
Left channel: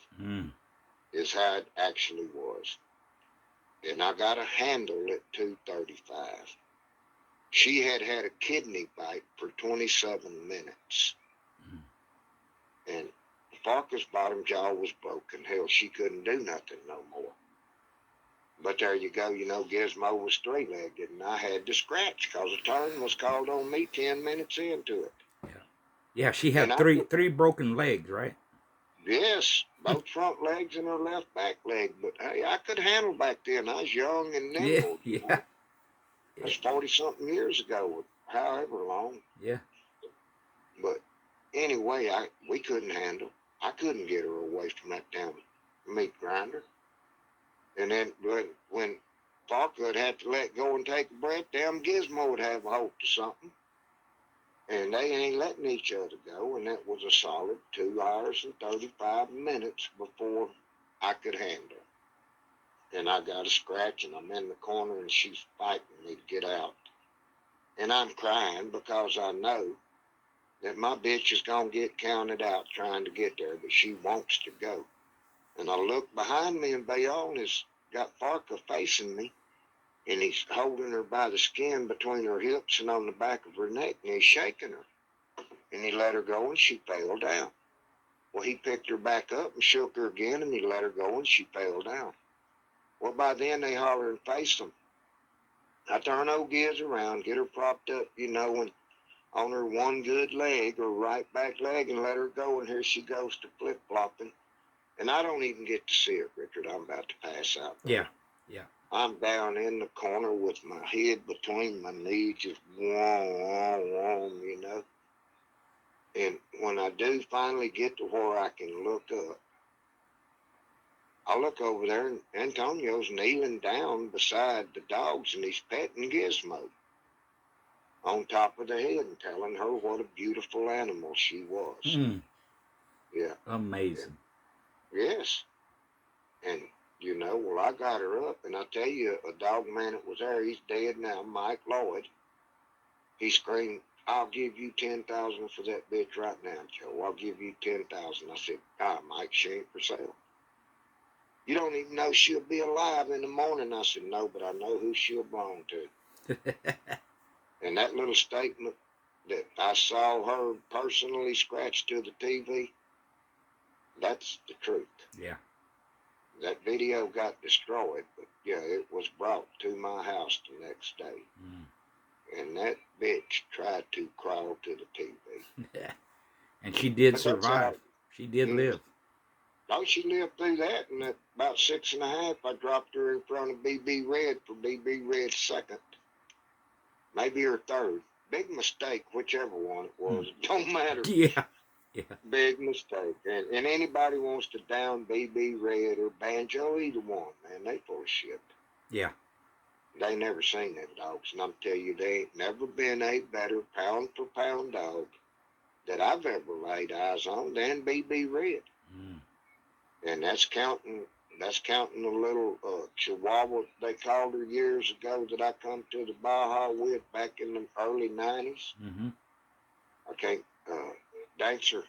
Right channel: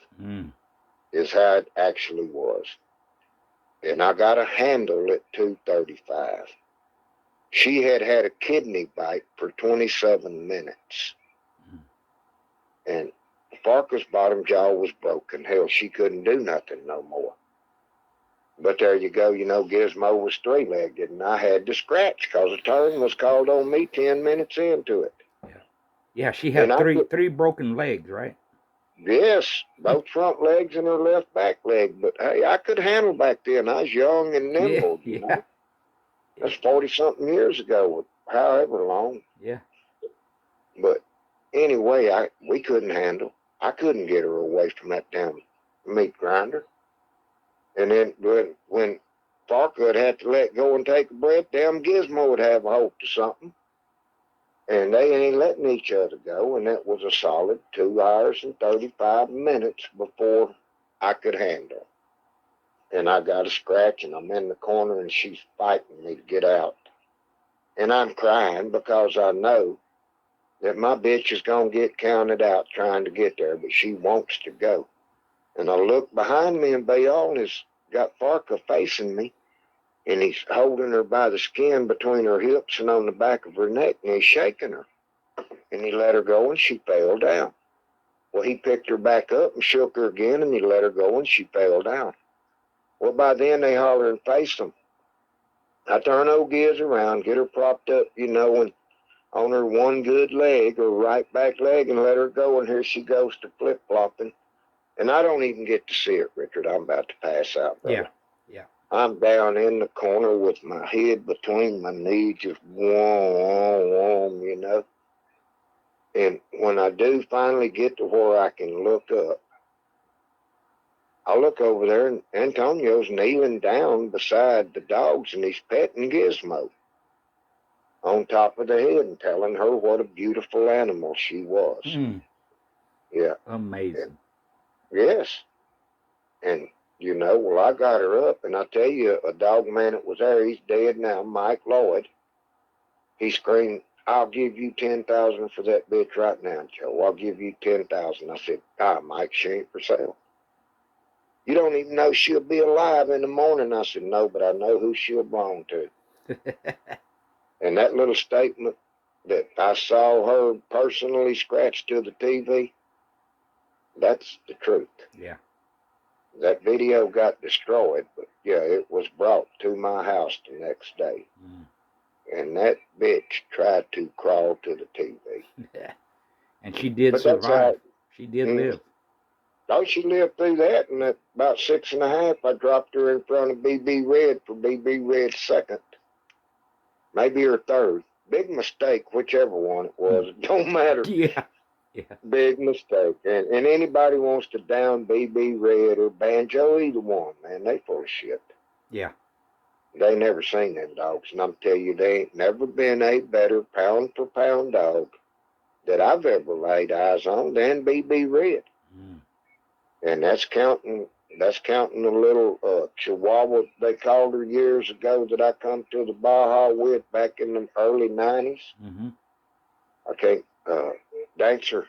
Is how it actually was. And I got a handle at 235. She had a kidney bite for 27 minutes. And Parker's bottom jaw was broken. Hell, she couldn't do nothing no more. But there you go. Gizmo was three-legged, and I had to scratch because a turn was called on me 10 minutes into it. Yeah. Yeah, she And had three broken legs, right? yes, both front legs and her left back leg. But hey, I could handle back then. I was young and Yeah, nimble. yeah. That's 40-something years ago, however long. Yeah. But anyway, we couldn't handle. I couldn't get her away from that damn meat grinder. And then when Parker had to let go and take a breath, damn Gizmo would have a hold to something. And they ain't letting each other go. And that was a solid 2 hours and 35 minutes before I could handle. And I got a scratch, and I'm in the corner, and she's fighting me to get out. And I'm crying because I know that my bitch is going to get counted out trying to get there, but she wants to go. And I look behind me, and Bayal has got Farka facing me, and he's holding her by the skin between her hips and on the back of her neck, and he's shaking her. And he let her go, and she fell down. Well, he picked her back up and shook her again, and he let her go, and she fell down. Well, by then they holler and face them. I turn old Giz around, get her propped up, and on her one good leg, her right back leg, and let her go, and here she goes to flip-flopping. And I don't even get to see it, Richard. I'm about to pass out, brother. Yeah. Yeah. I'm down in the corner with my head between my knees, just warm. And when I do finally get to where I can look up, I look over there, and Antonio's kneeling down beside the dogs, and he's petting Gizmo on top of the head and telling her what a beautiful animal she was. Yeah. Amazing. Yes. And, well, I got her up, and I tell you, a dog man that was there, he's dead now, Mike Lloyd. He screamed, "I'll give you 10,000 for that bitch right now, Joe. I'll give you 10,000. I said, Mike, she ain't for sale. You don't even know she'll be alive in the morning. I said, no, but I know who she'll belong to. And that little statement that I saw her personally scratch to the TV, that's the truth. Yeah. That video got destroyed, but yeah, it was brought to my house the next day. And that bitch tried to crawl to the TV. And she did survive. She did live. Oh, she lived through that, and at about 6.5, I dropped her in front of BB Red for BB Red's second, maybe her third. Big mistake, whichever one it was. It don't matter. Yeah. Yeah. Big mistake. And anybody wants to down BB Red or Banjo, either one, man, they full of shit. Yeah. They never seen them dogs, and I'm telling you, they ain't never been a better pound-for-pound dog that I've ever laid eyes on than BB Red. And that's counting a little Chihuahua they called her years ago that I come to the Baja with back in the early 90s. I can't, Dancer.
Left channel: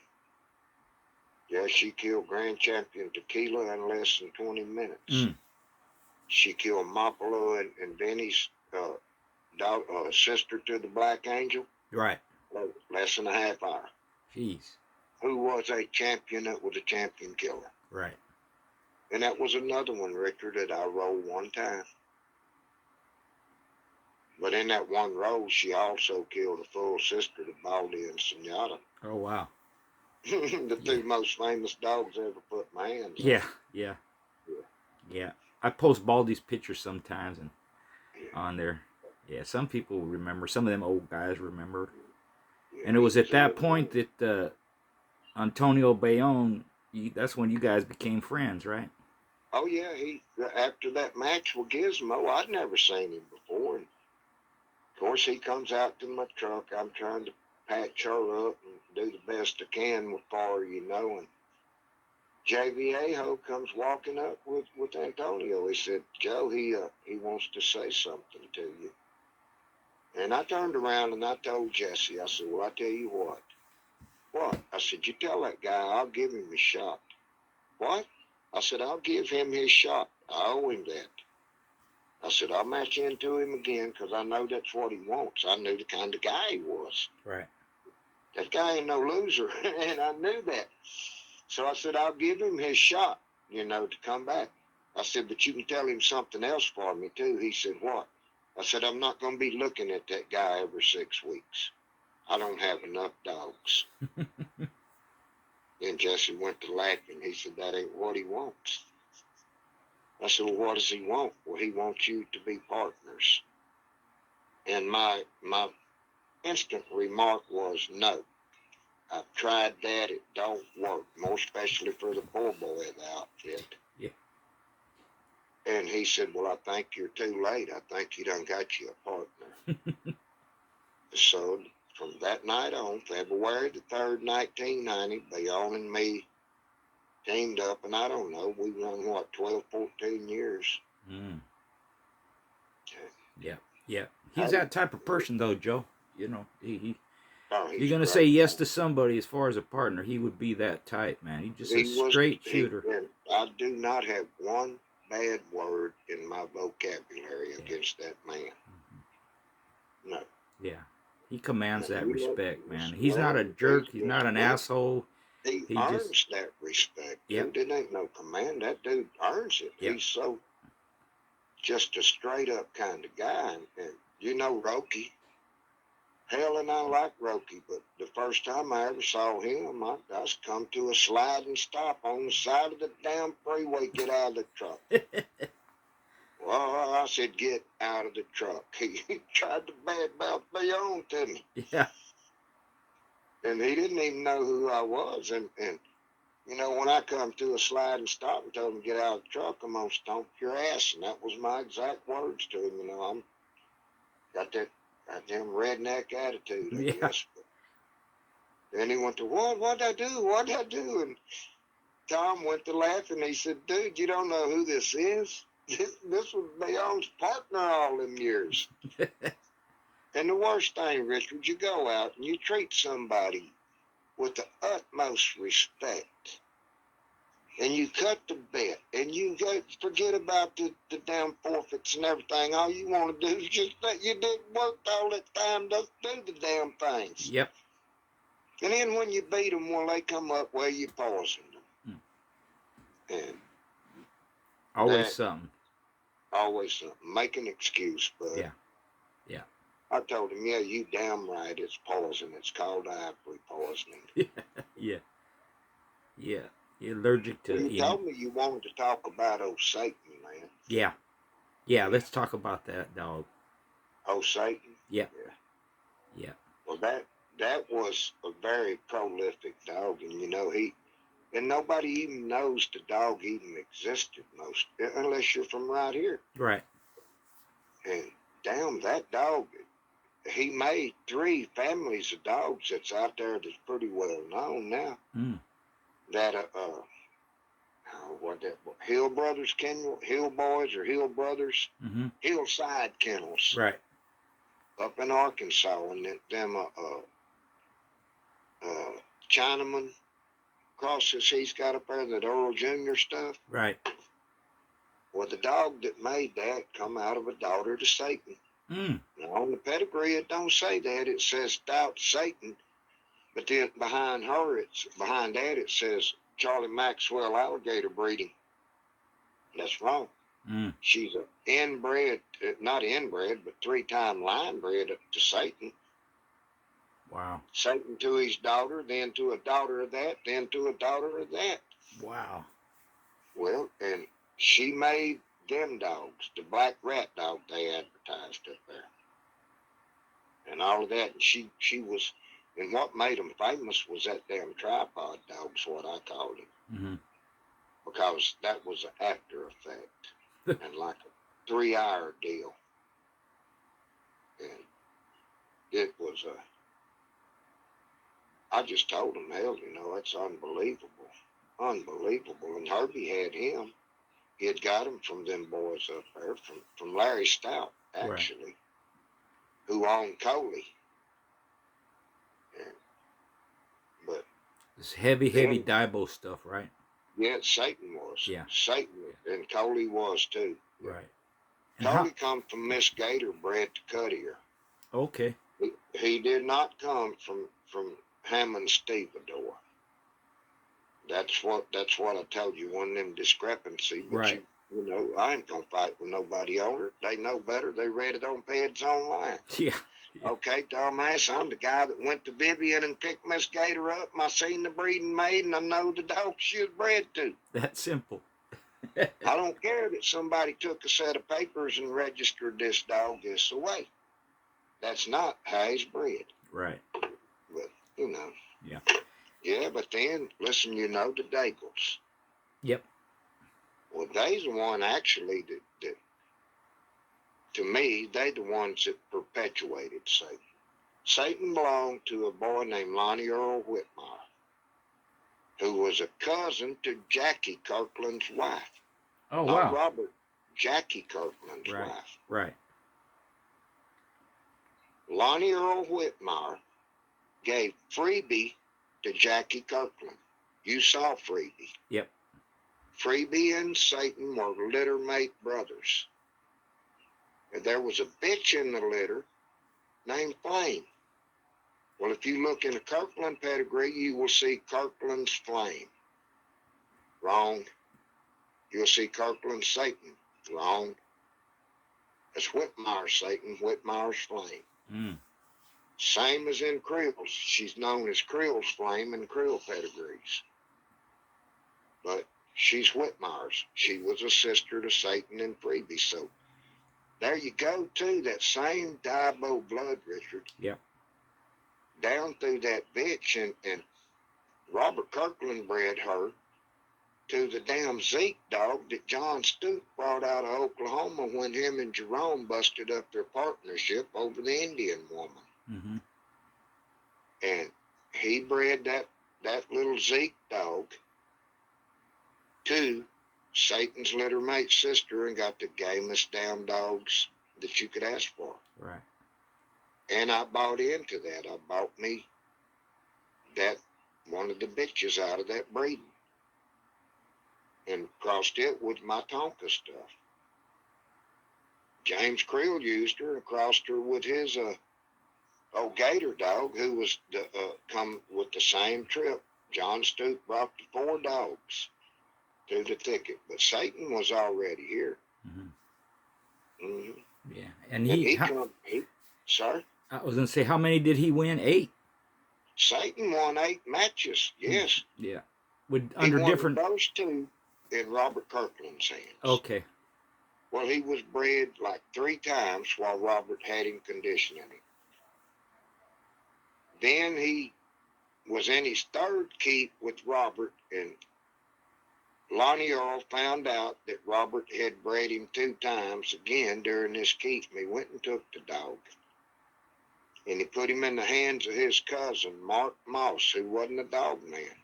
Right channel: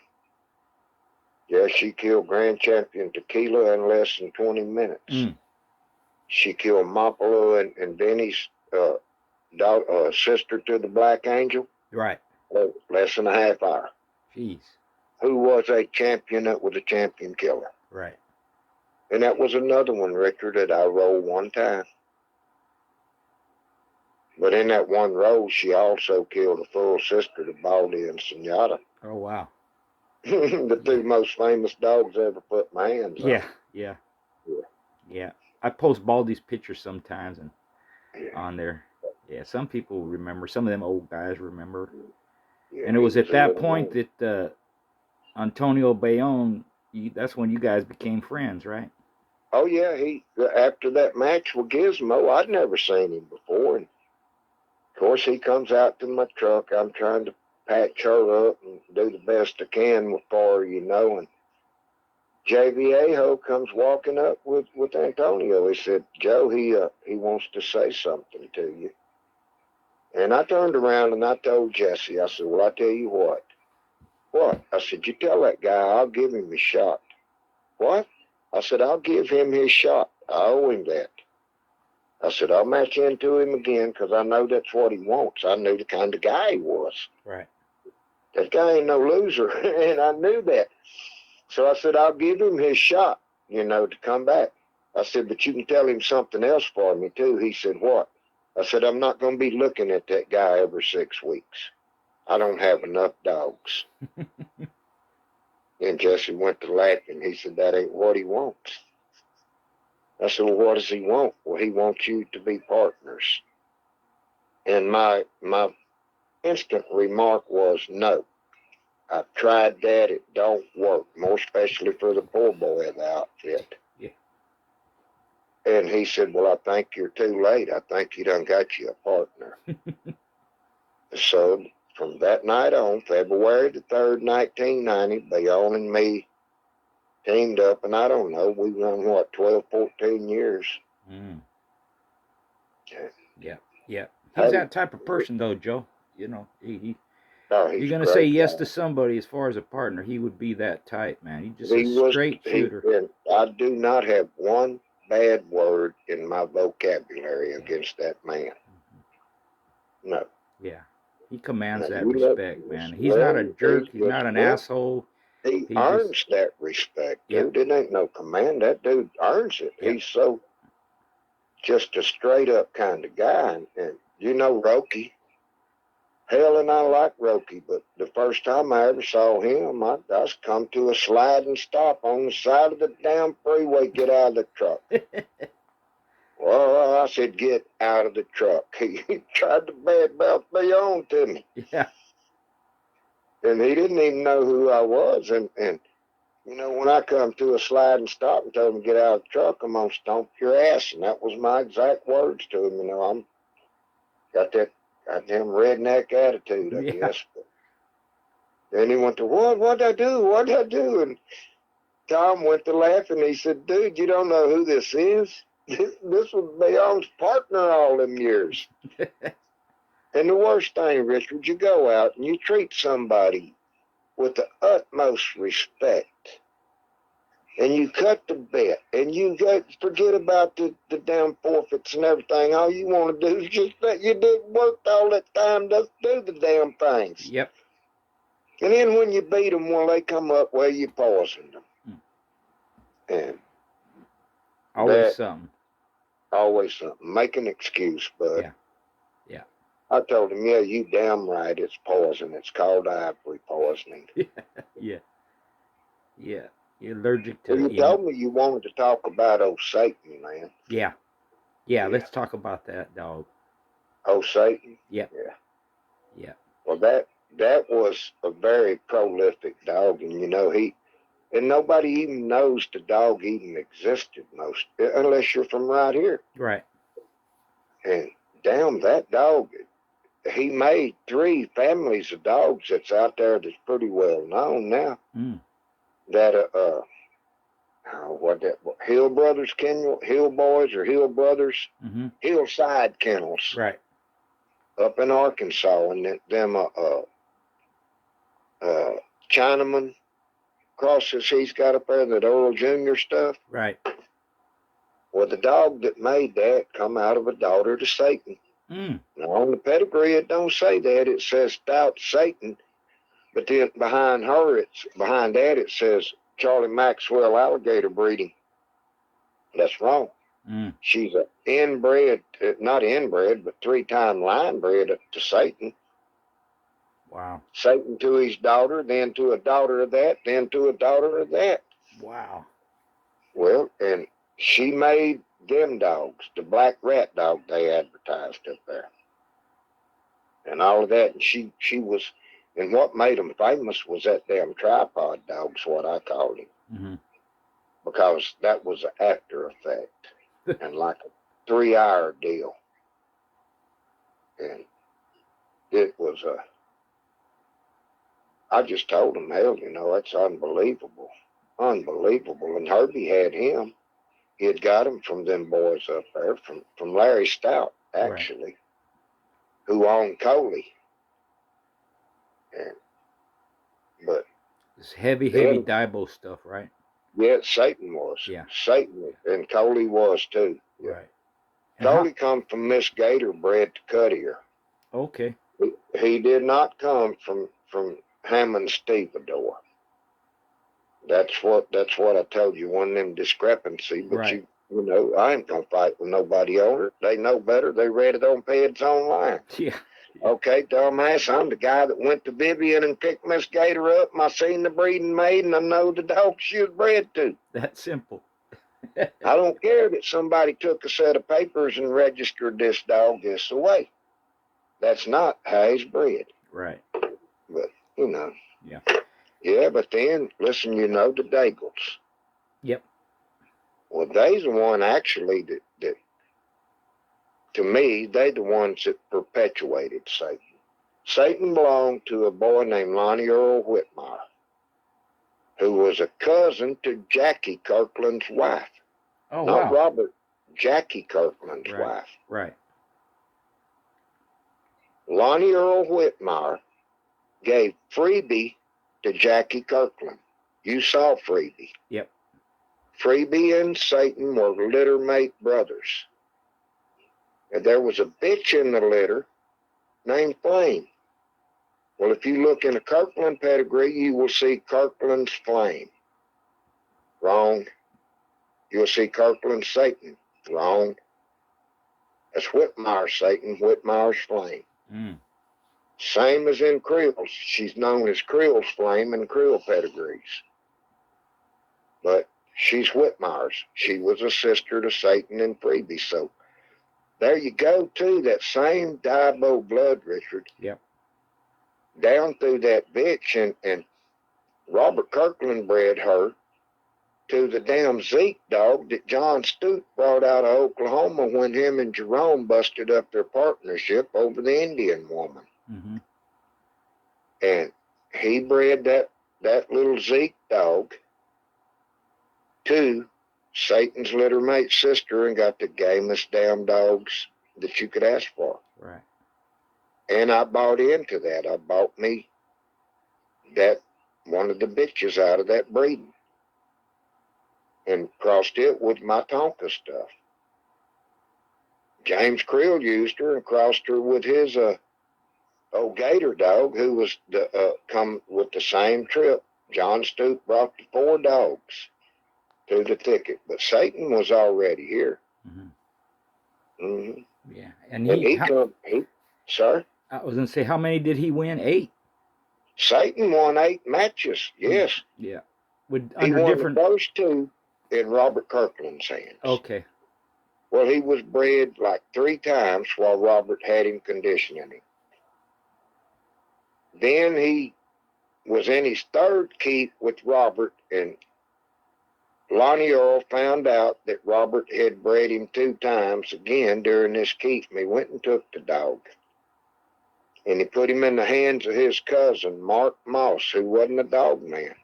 Yeah, she killed Grand Champion Tequila in less than 20 minutes. She killed Mapalo and Benny's sister to the Black Angel. Right. Less than a half hour. Jeez. Who was a champion that was a champion killer. Right. And that was another one, Richard, that I rolled one time. But in that one roll, she also killed a full sister to Baldy and Senora. Oh, wow. The two most famous dogs I ever put my hands on. Yeah. I post Baldy's pictures sometimes and on there. Yeah, some people remember. Some of them old guys remember. Yeah, and it was at that point that Antonio Bayonne, that's when you guys became friends, right? Oh, yeah. After that match with Gizmo, I'd never seen him before. And of course, he comes out to my truck. I'm trying to patch her up and do the best I can for her, and JV Aho comes walking up with Antonio. He said, Joe, he wants to say something to you. And I turned around and I told Jesse, I said, well, I tell you what. What? I said, you tell that guy I'll give him his shot. What? I said, I'll give him his shot. I owe him that. I said, I'll match into him again because I know that's what he wants. I knew the kind of guy he was. Right. That guy ain't no loser, and I knew that. So I said, I'll give him his shot, to come back. I said, but you can tell him something else for me, too. He said, what? I said, I'm not going to be looking at that guy every 6 weeks. I don't have enough dogs. And Jesse went to laughing. He said, that ain't what he wants. I said, well, what does he want? Well, he wants you to be partners. And my instant remark was, no. I've tried that. It don't work, more especially for the poor boy of the outfit. Yeah. And he said, well, I think you're too late. I think you done got you a partner. So from that night on, February the 3rd, 1990, Bayonne and me teamed up, and I don't know, we run, 12, 14 years. Mm. Yeah. Yeah. Yeah. He's that type of person, though, Joe. He you're going to say great yes guy. to somebody as far as a partner. He would be that type, man. He's just a He was, straight shooter. and I do not have one bad word in my vocabulary Yeah. against that man. Mm-hmm. No. Yeah. He commands No, that you respect, man. He's not a jerk. He's not an asshole. He He earns just, that respect, yep. dude. It ain't no command. That dude earns it. Yep. He's so just a straight up kind of guy. And Roki. Hell, and I like Roki, but the first time I ever saw him, I was come to a sliding stop on the side of the damn freeway. Get out of the truck. Well, I said, get out of the truck. He tried to badmouth me on to me. Yeah. And he didn't even know who I was. And when I come to a sliding stop and told him to get out of the truck, I'm going to stomp your ass. And that was my exact words to him. I'm got that goddamn redneck attitude, I Yeah. guess. But then he went to, what'd I do? What'd I do? And Tom went to laughing. He said, dude, you don't know who this is? This was Bayonne's partner all them years. And the worst thing, Richard, you go out and you treat somebody with the utmost respect, and you cut the bet, and you forget about the damn forfeits and everything. All you want to do is just that you didn't work all that time to do the damn things. Yep. And then when you beat them, well, they come up where you poisoned them. And always something. Always something. Make an excuse, bud. Yeah. Yeah. I told him, yeah, you damn right, it's poison. It's called ivory poisoning. Yeah. Yeah. You're allergic to Well, you told me you wanted to talk about old Satan, man. Yeah. Yeah, let's talk about that, dog. Old Satan? Yeah. Yeah. Yeah. Well, that was a very prolific dog, and and nobody even knows the dog even existed unless you're from right here. Right. And damn, that dog, he made 3 families of dogs that's out there that's pretty well known now. Mm. That Hill Brothers Kennel, Hill Boys or Hill Brothers, Mm-hmm. Hillside Kennels, right, up in Arkansas, and them Chinaman crosses he's got up there, that Earl Jr. stuff. right. Well, the dog that made that come out of a daughter to Satan. Mm. Now, on the pedigree, it don't say that. It says Stout Satan, but then behind that, it says Charlie Maxwell alligator breeding. That's wrong. Mm. She's a not inbred, but 3-time line bred to Satan. Wow. Satan to his daughter, then to a daughter of that, then to a daughter of that. Wow. Well, and she made them dogs, the black rat dog they advertised up there, and all of that. And she was, and what made them famous was that damn tripod dog's what I called him. Mm-hmm. Because that was an after effect and like a 3-hour deal. And it was I just told him, hell, it's unbelievable. Unbelievable. And Herbie had him. He had got him from them boys up there, from Larry Stout, actually, right, who owned Coley. But this heavy Dibo stuff, right? Yeah, Satan was. Yeah. Satan, and Coley was too. Right. And Coley come from Miss Gator bred to Cuttier. Okay. He did not come from Hammond Stevedore. That's what I told you, one of them discrepancy. But Right. you know, I ain't gonna fight with nobody on it. They know better. They read it on Peds Online. Yeah. Yeah. Okay, dumbass, I'm the guy that went to Vivian and picked Miss Gator up, and I seen the breeding maid, and I know the dog she was bred to. That's simple. I don't care that somebody took a set of papers and registered this dog this way. That's not how he's bred. Right. But, you know. Yeah. Yeah, but then, listen, you know the Daigles. Yep. Well, they's the one actually that to me, they the ones that perpetuated Satan. Satan belonged to a boy named Lonnie Earl Whitmire, who was a cousin to Jackie Kirkland's wife. Oh, Not wow. Robert, Jackie Kirkland's Right. wife. Right. Lonnie Earl Whitmire gave Freebie to Jackie Kirkland. You saw Freebie. Yep. Freebie and Satan were littermate brothers. And there was a bitch in the litter named Flame. Well, if you look in a Kirkland pedigree, you will see Kirkland's Flame. Wrong. You'll see Kirkland's Satan. Wrong. That's Whitmire's Satan, Whitmire's Flame. Mm. Same as in Creel's. She's known as Creel's Flame in Creel pedigrees. But she's Whitmire's. She was a sister to Satan and Freebie. So there you go, too. That same Diabo blood, Richard. Yep. Down through that bitch, and Robert Kirkland bred her to the damn Zeke dog that John Stute brought out of Oklahoma when him and Jerome busted up their partnership over the Indian woman. Mm-hmm. And he bred that little Zeke dog to Satan's littermate sister and got the gamest damn dogs that you could ask for. Right. And I bought into that. I bought me that one of the bitches out of that breeding and crossed it with my Tonka stuff. James Creel used her and crossed her with his old Gator dog, who was come with the same trip. John Stute brought the 4 dogs to the thicket, but Satan was already here. Mm-hmm. Mm-hmm. Yeah. And sir? I was going to say, how many did he win? 8? Satan won 8 matches, yes. Yeah. With He under won different. the first 2 in Robert Kirkland's hands. Okay. Well, he was bred like 3 times while Robert had him conditioning him. Then he was in his 3rd keep with Robert, and Lonnie Earl found out that Robert had bred him 2 times again during this keep, and he went and took the dog. And he put him in the hands of his cousin, Mark Moss, who wasn't a dog man.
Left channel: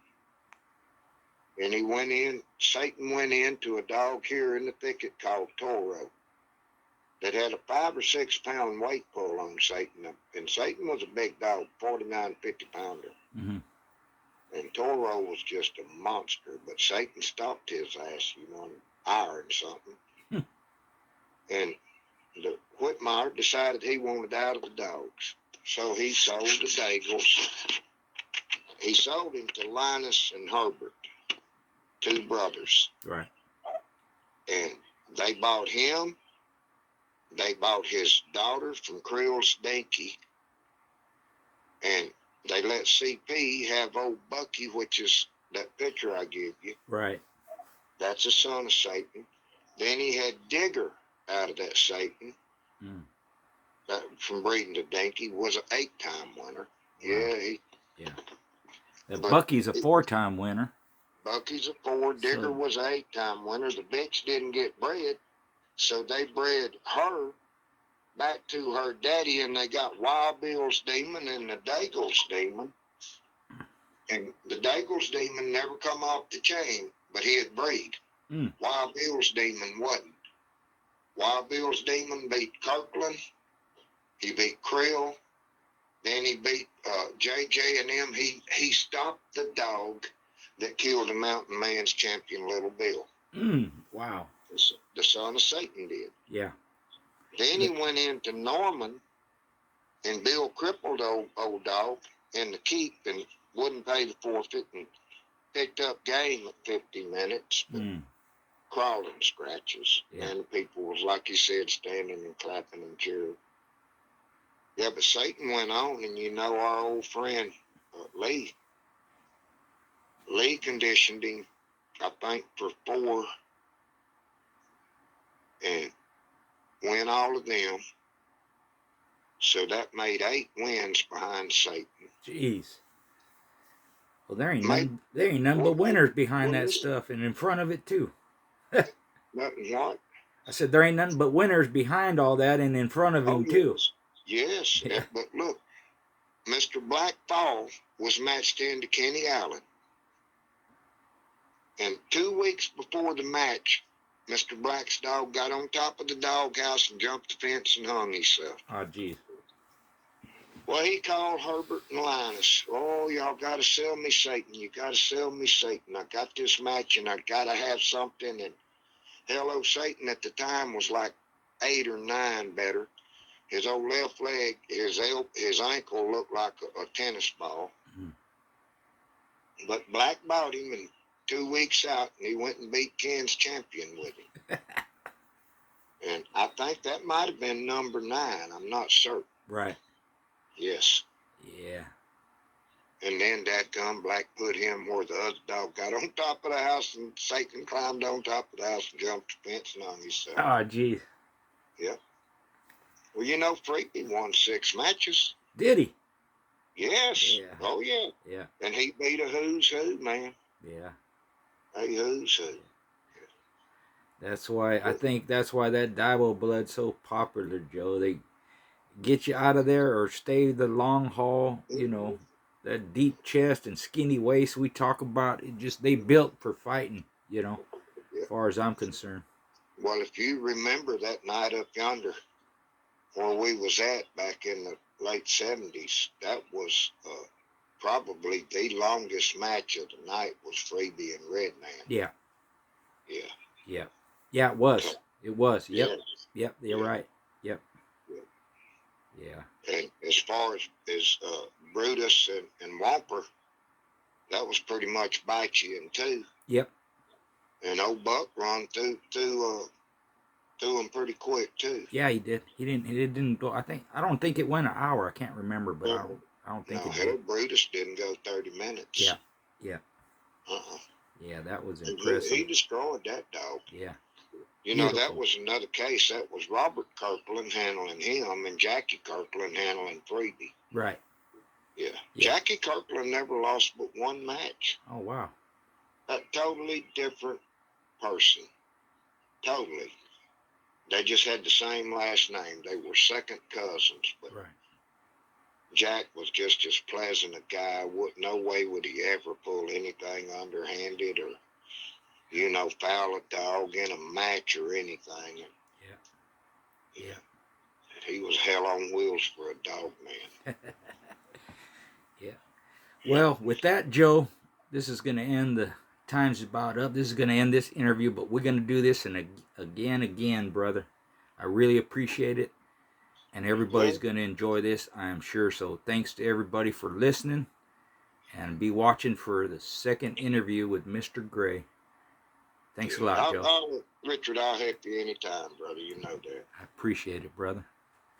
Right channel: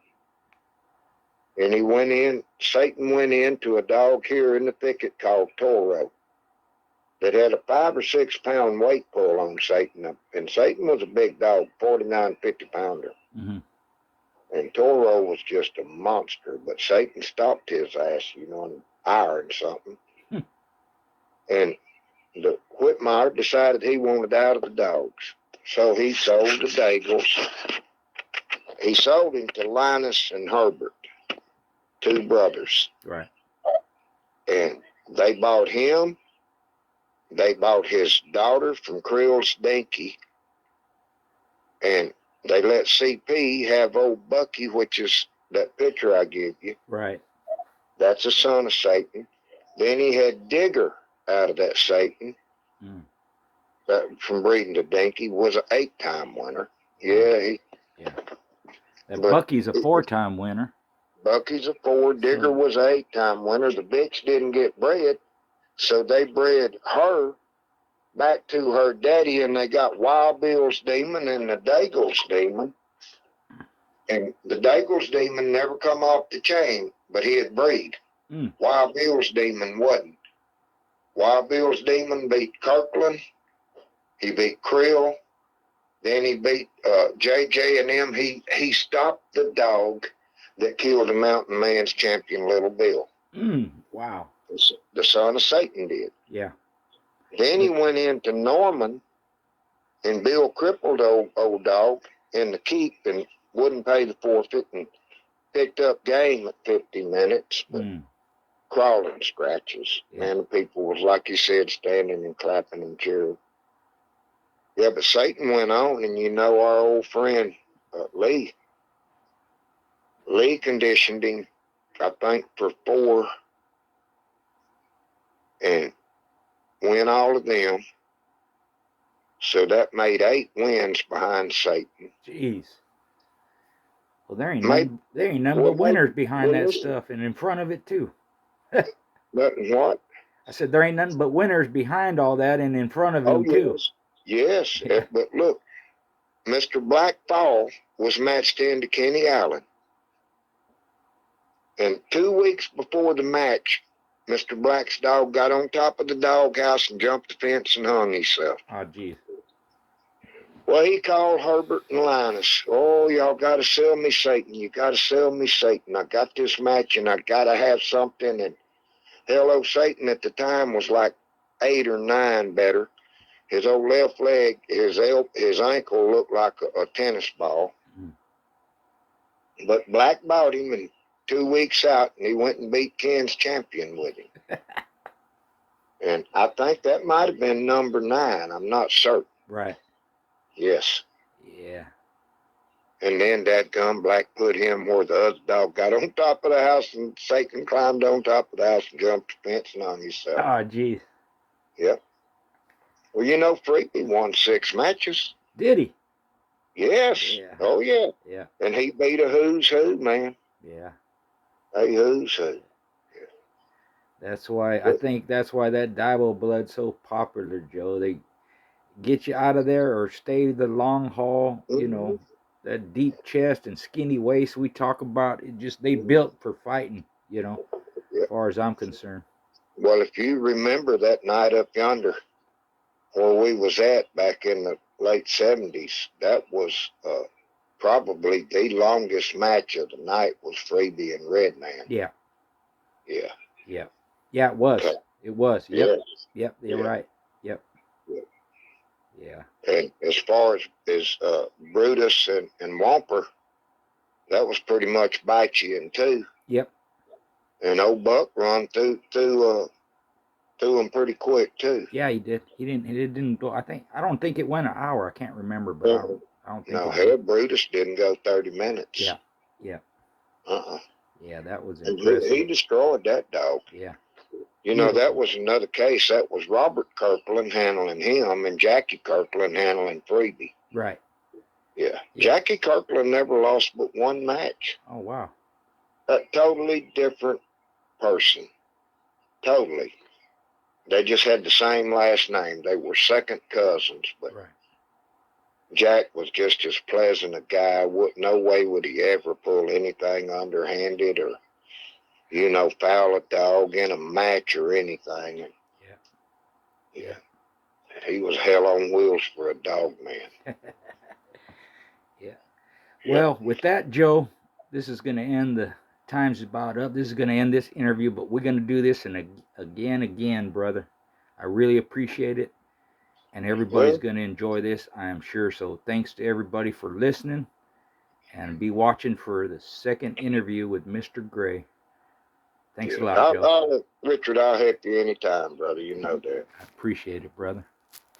And he went in, Satan went into a dog here in the thicket called Toro that had a 5 or 6 pound weight pull on Satan. And Satan was a big dog, 49, 50 pounder. Mm-hmm. And Toro was just a monster, but Satan stopped his ass, and ironed something. Hmm. And the Whitmire decided he wanted out of the dogs. So he sold the Daigles. He sold him to Linus and Herbert, 2 brothers. Right. And they bought him. They bought his daughter from Creel's Dinky. And they let CP have old Bucky, which is that picture I give you. Right. That's a son of Satan. Then he had Digger out of that Satan. Mm. From breeding to Dinky, was an 8-time winner. Yeah, That Bucky's a 4-time winner. Bucky's a 4. Digger was an 8-time winner. The bitch didn't get bred, so they bred her back to her daddy, and they got Wild Bill's Demon and the Daigle's Demon. And the Daigle's Demon never come off the chain, but he'd breed. Mm. Wild Bill's Demon wasn't. Wild Bill's Demon beat Kirkland. He beat Creel. Then he beat JJ and them. He stopped the dog that killed the Mountain Man's champion, Little Bill. Mm. Wow. The son of Satan did. Yeah. Then he went into Norman, and Bill crippled old dog in the keep and wouldn't pay the forfeit. And picked up game at 50 minutes, but Mm. crawling scratches. Yeah. Man, the people was, like you said, standing and clapping and cheering. Yeah, but Satan went on, and you know our old friend Lee conditioned him, I think, for 4 and win all of them. So that made 8 wins behind Satan. Jeez. Well, there ain't Made, none but winners behind that listen, stuff and in front of it too. nothing what? I said there ain't nothing but winners behind all that and in front of Oh, him too. yes. Yeah. But look, Mr. Blackfall was matched into Kenny Allen. And 2 weeks before the match, Mr. Black's dog got on top of the doghouse and jumped the fence and hung himself. Oh, geez. Well, he called Herbert and Linus. Oh, y'all got to sell me Satan. You got to sell me Satan. I got this match and I got to have something. And hello, Satan at the time was like 8 or 9 better. His old left leg, his ankle looked like a tennis ball. Mm. But Black bought him, and 2 weeks out, and he went and beat Ken's champion with him. And I think that might have been number 9. I'm not certain. Right. Yes. Yeah. And then dadgum Black put him where the other dog got on top of the house, and Satan climbed on top of the house and jumped the fence and hung himself. Oh, geez. Yep. Well, you know, Freaky won 6 matches. Did he? Yes. Yeah. Oh, yeah. Yeah. And he beat a who's who, man. Yeah. A who's who. That's why I think that's why that Divo blood's so popular, Joe. They get you out of there or stay the long haul. You know, that deep chest and skinny waist we talk about. It just they built for fighting. You know, as far as I'm concerned. Well, if you remember that night up yonder where we was at back in the late 70s, that was probably the longest match of the night was Freebie and Redman. Yeah. Yeah. Yeah. Yeah, it was. It was. Yep. Yeah. Yep. You're right. Yep. Yeah. Yeah. And as far as Brutus and Whomper, that was pretty much Bite-You-In too. Yep. And old Buck run through him pretty quick too. Yeah, he did. He didn't go. I don't think it went an hour. I can't remember, but I don't think No, it did. Brutus didn't go 30 minutes. Yeah. Yeah. Yeah, that was impressive. He destroyed that dog. Yeah. You know, that was another case. That was Robert Kirkland handling him and Jackie Kirkland handling Freebie. Right. Yeah. Jackie Kirkland never lost but 1 match. Oh, wow. A totally different person. Totally. They just had the same last name. They were second cousins, but right. Jack was just as pleasant a guy. No way would he ever pull anything underhanded or, you know, foul a dog in a match or anything. Yeah. He was hell on wheels for a dog, man. Yeah. Well, with that, Joe, this is going to end. The time's about up. This is going to end this interview, but we're going to do this again, brother. I really appreciate it. And everybody's going to enjoy this, I am sure. So thanks to everybody for listening. And be watching for the second interview with Mr. Gray. Thanks a lot, Joe. Richard, I'll help you anytime, brother. You know that. I appreciate it, brother.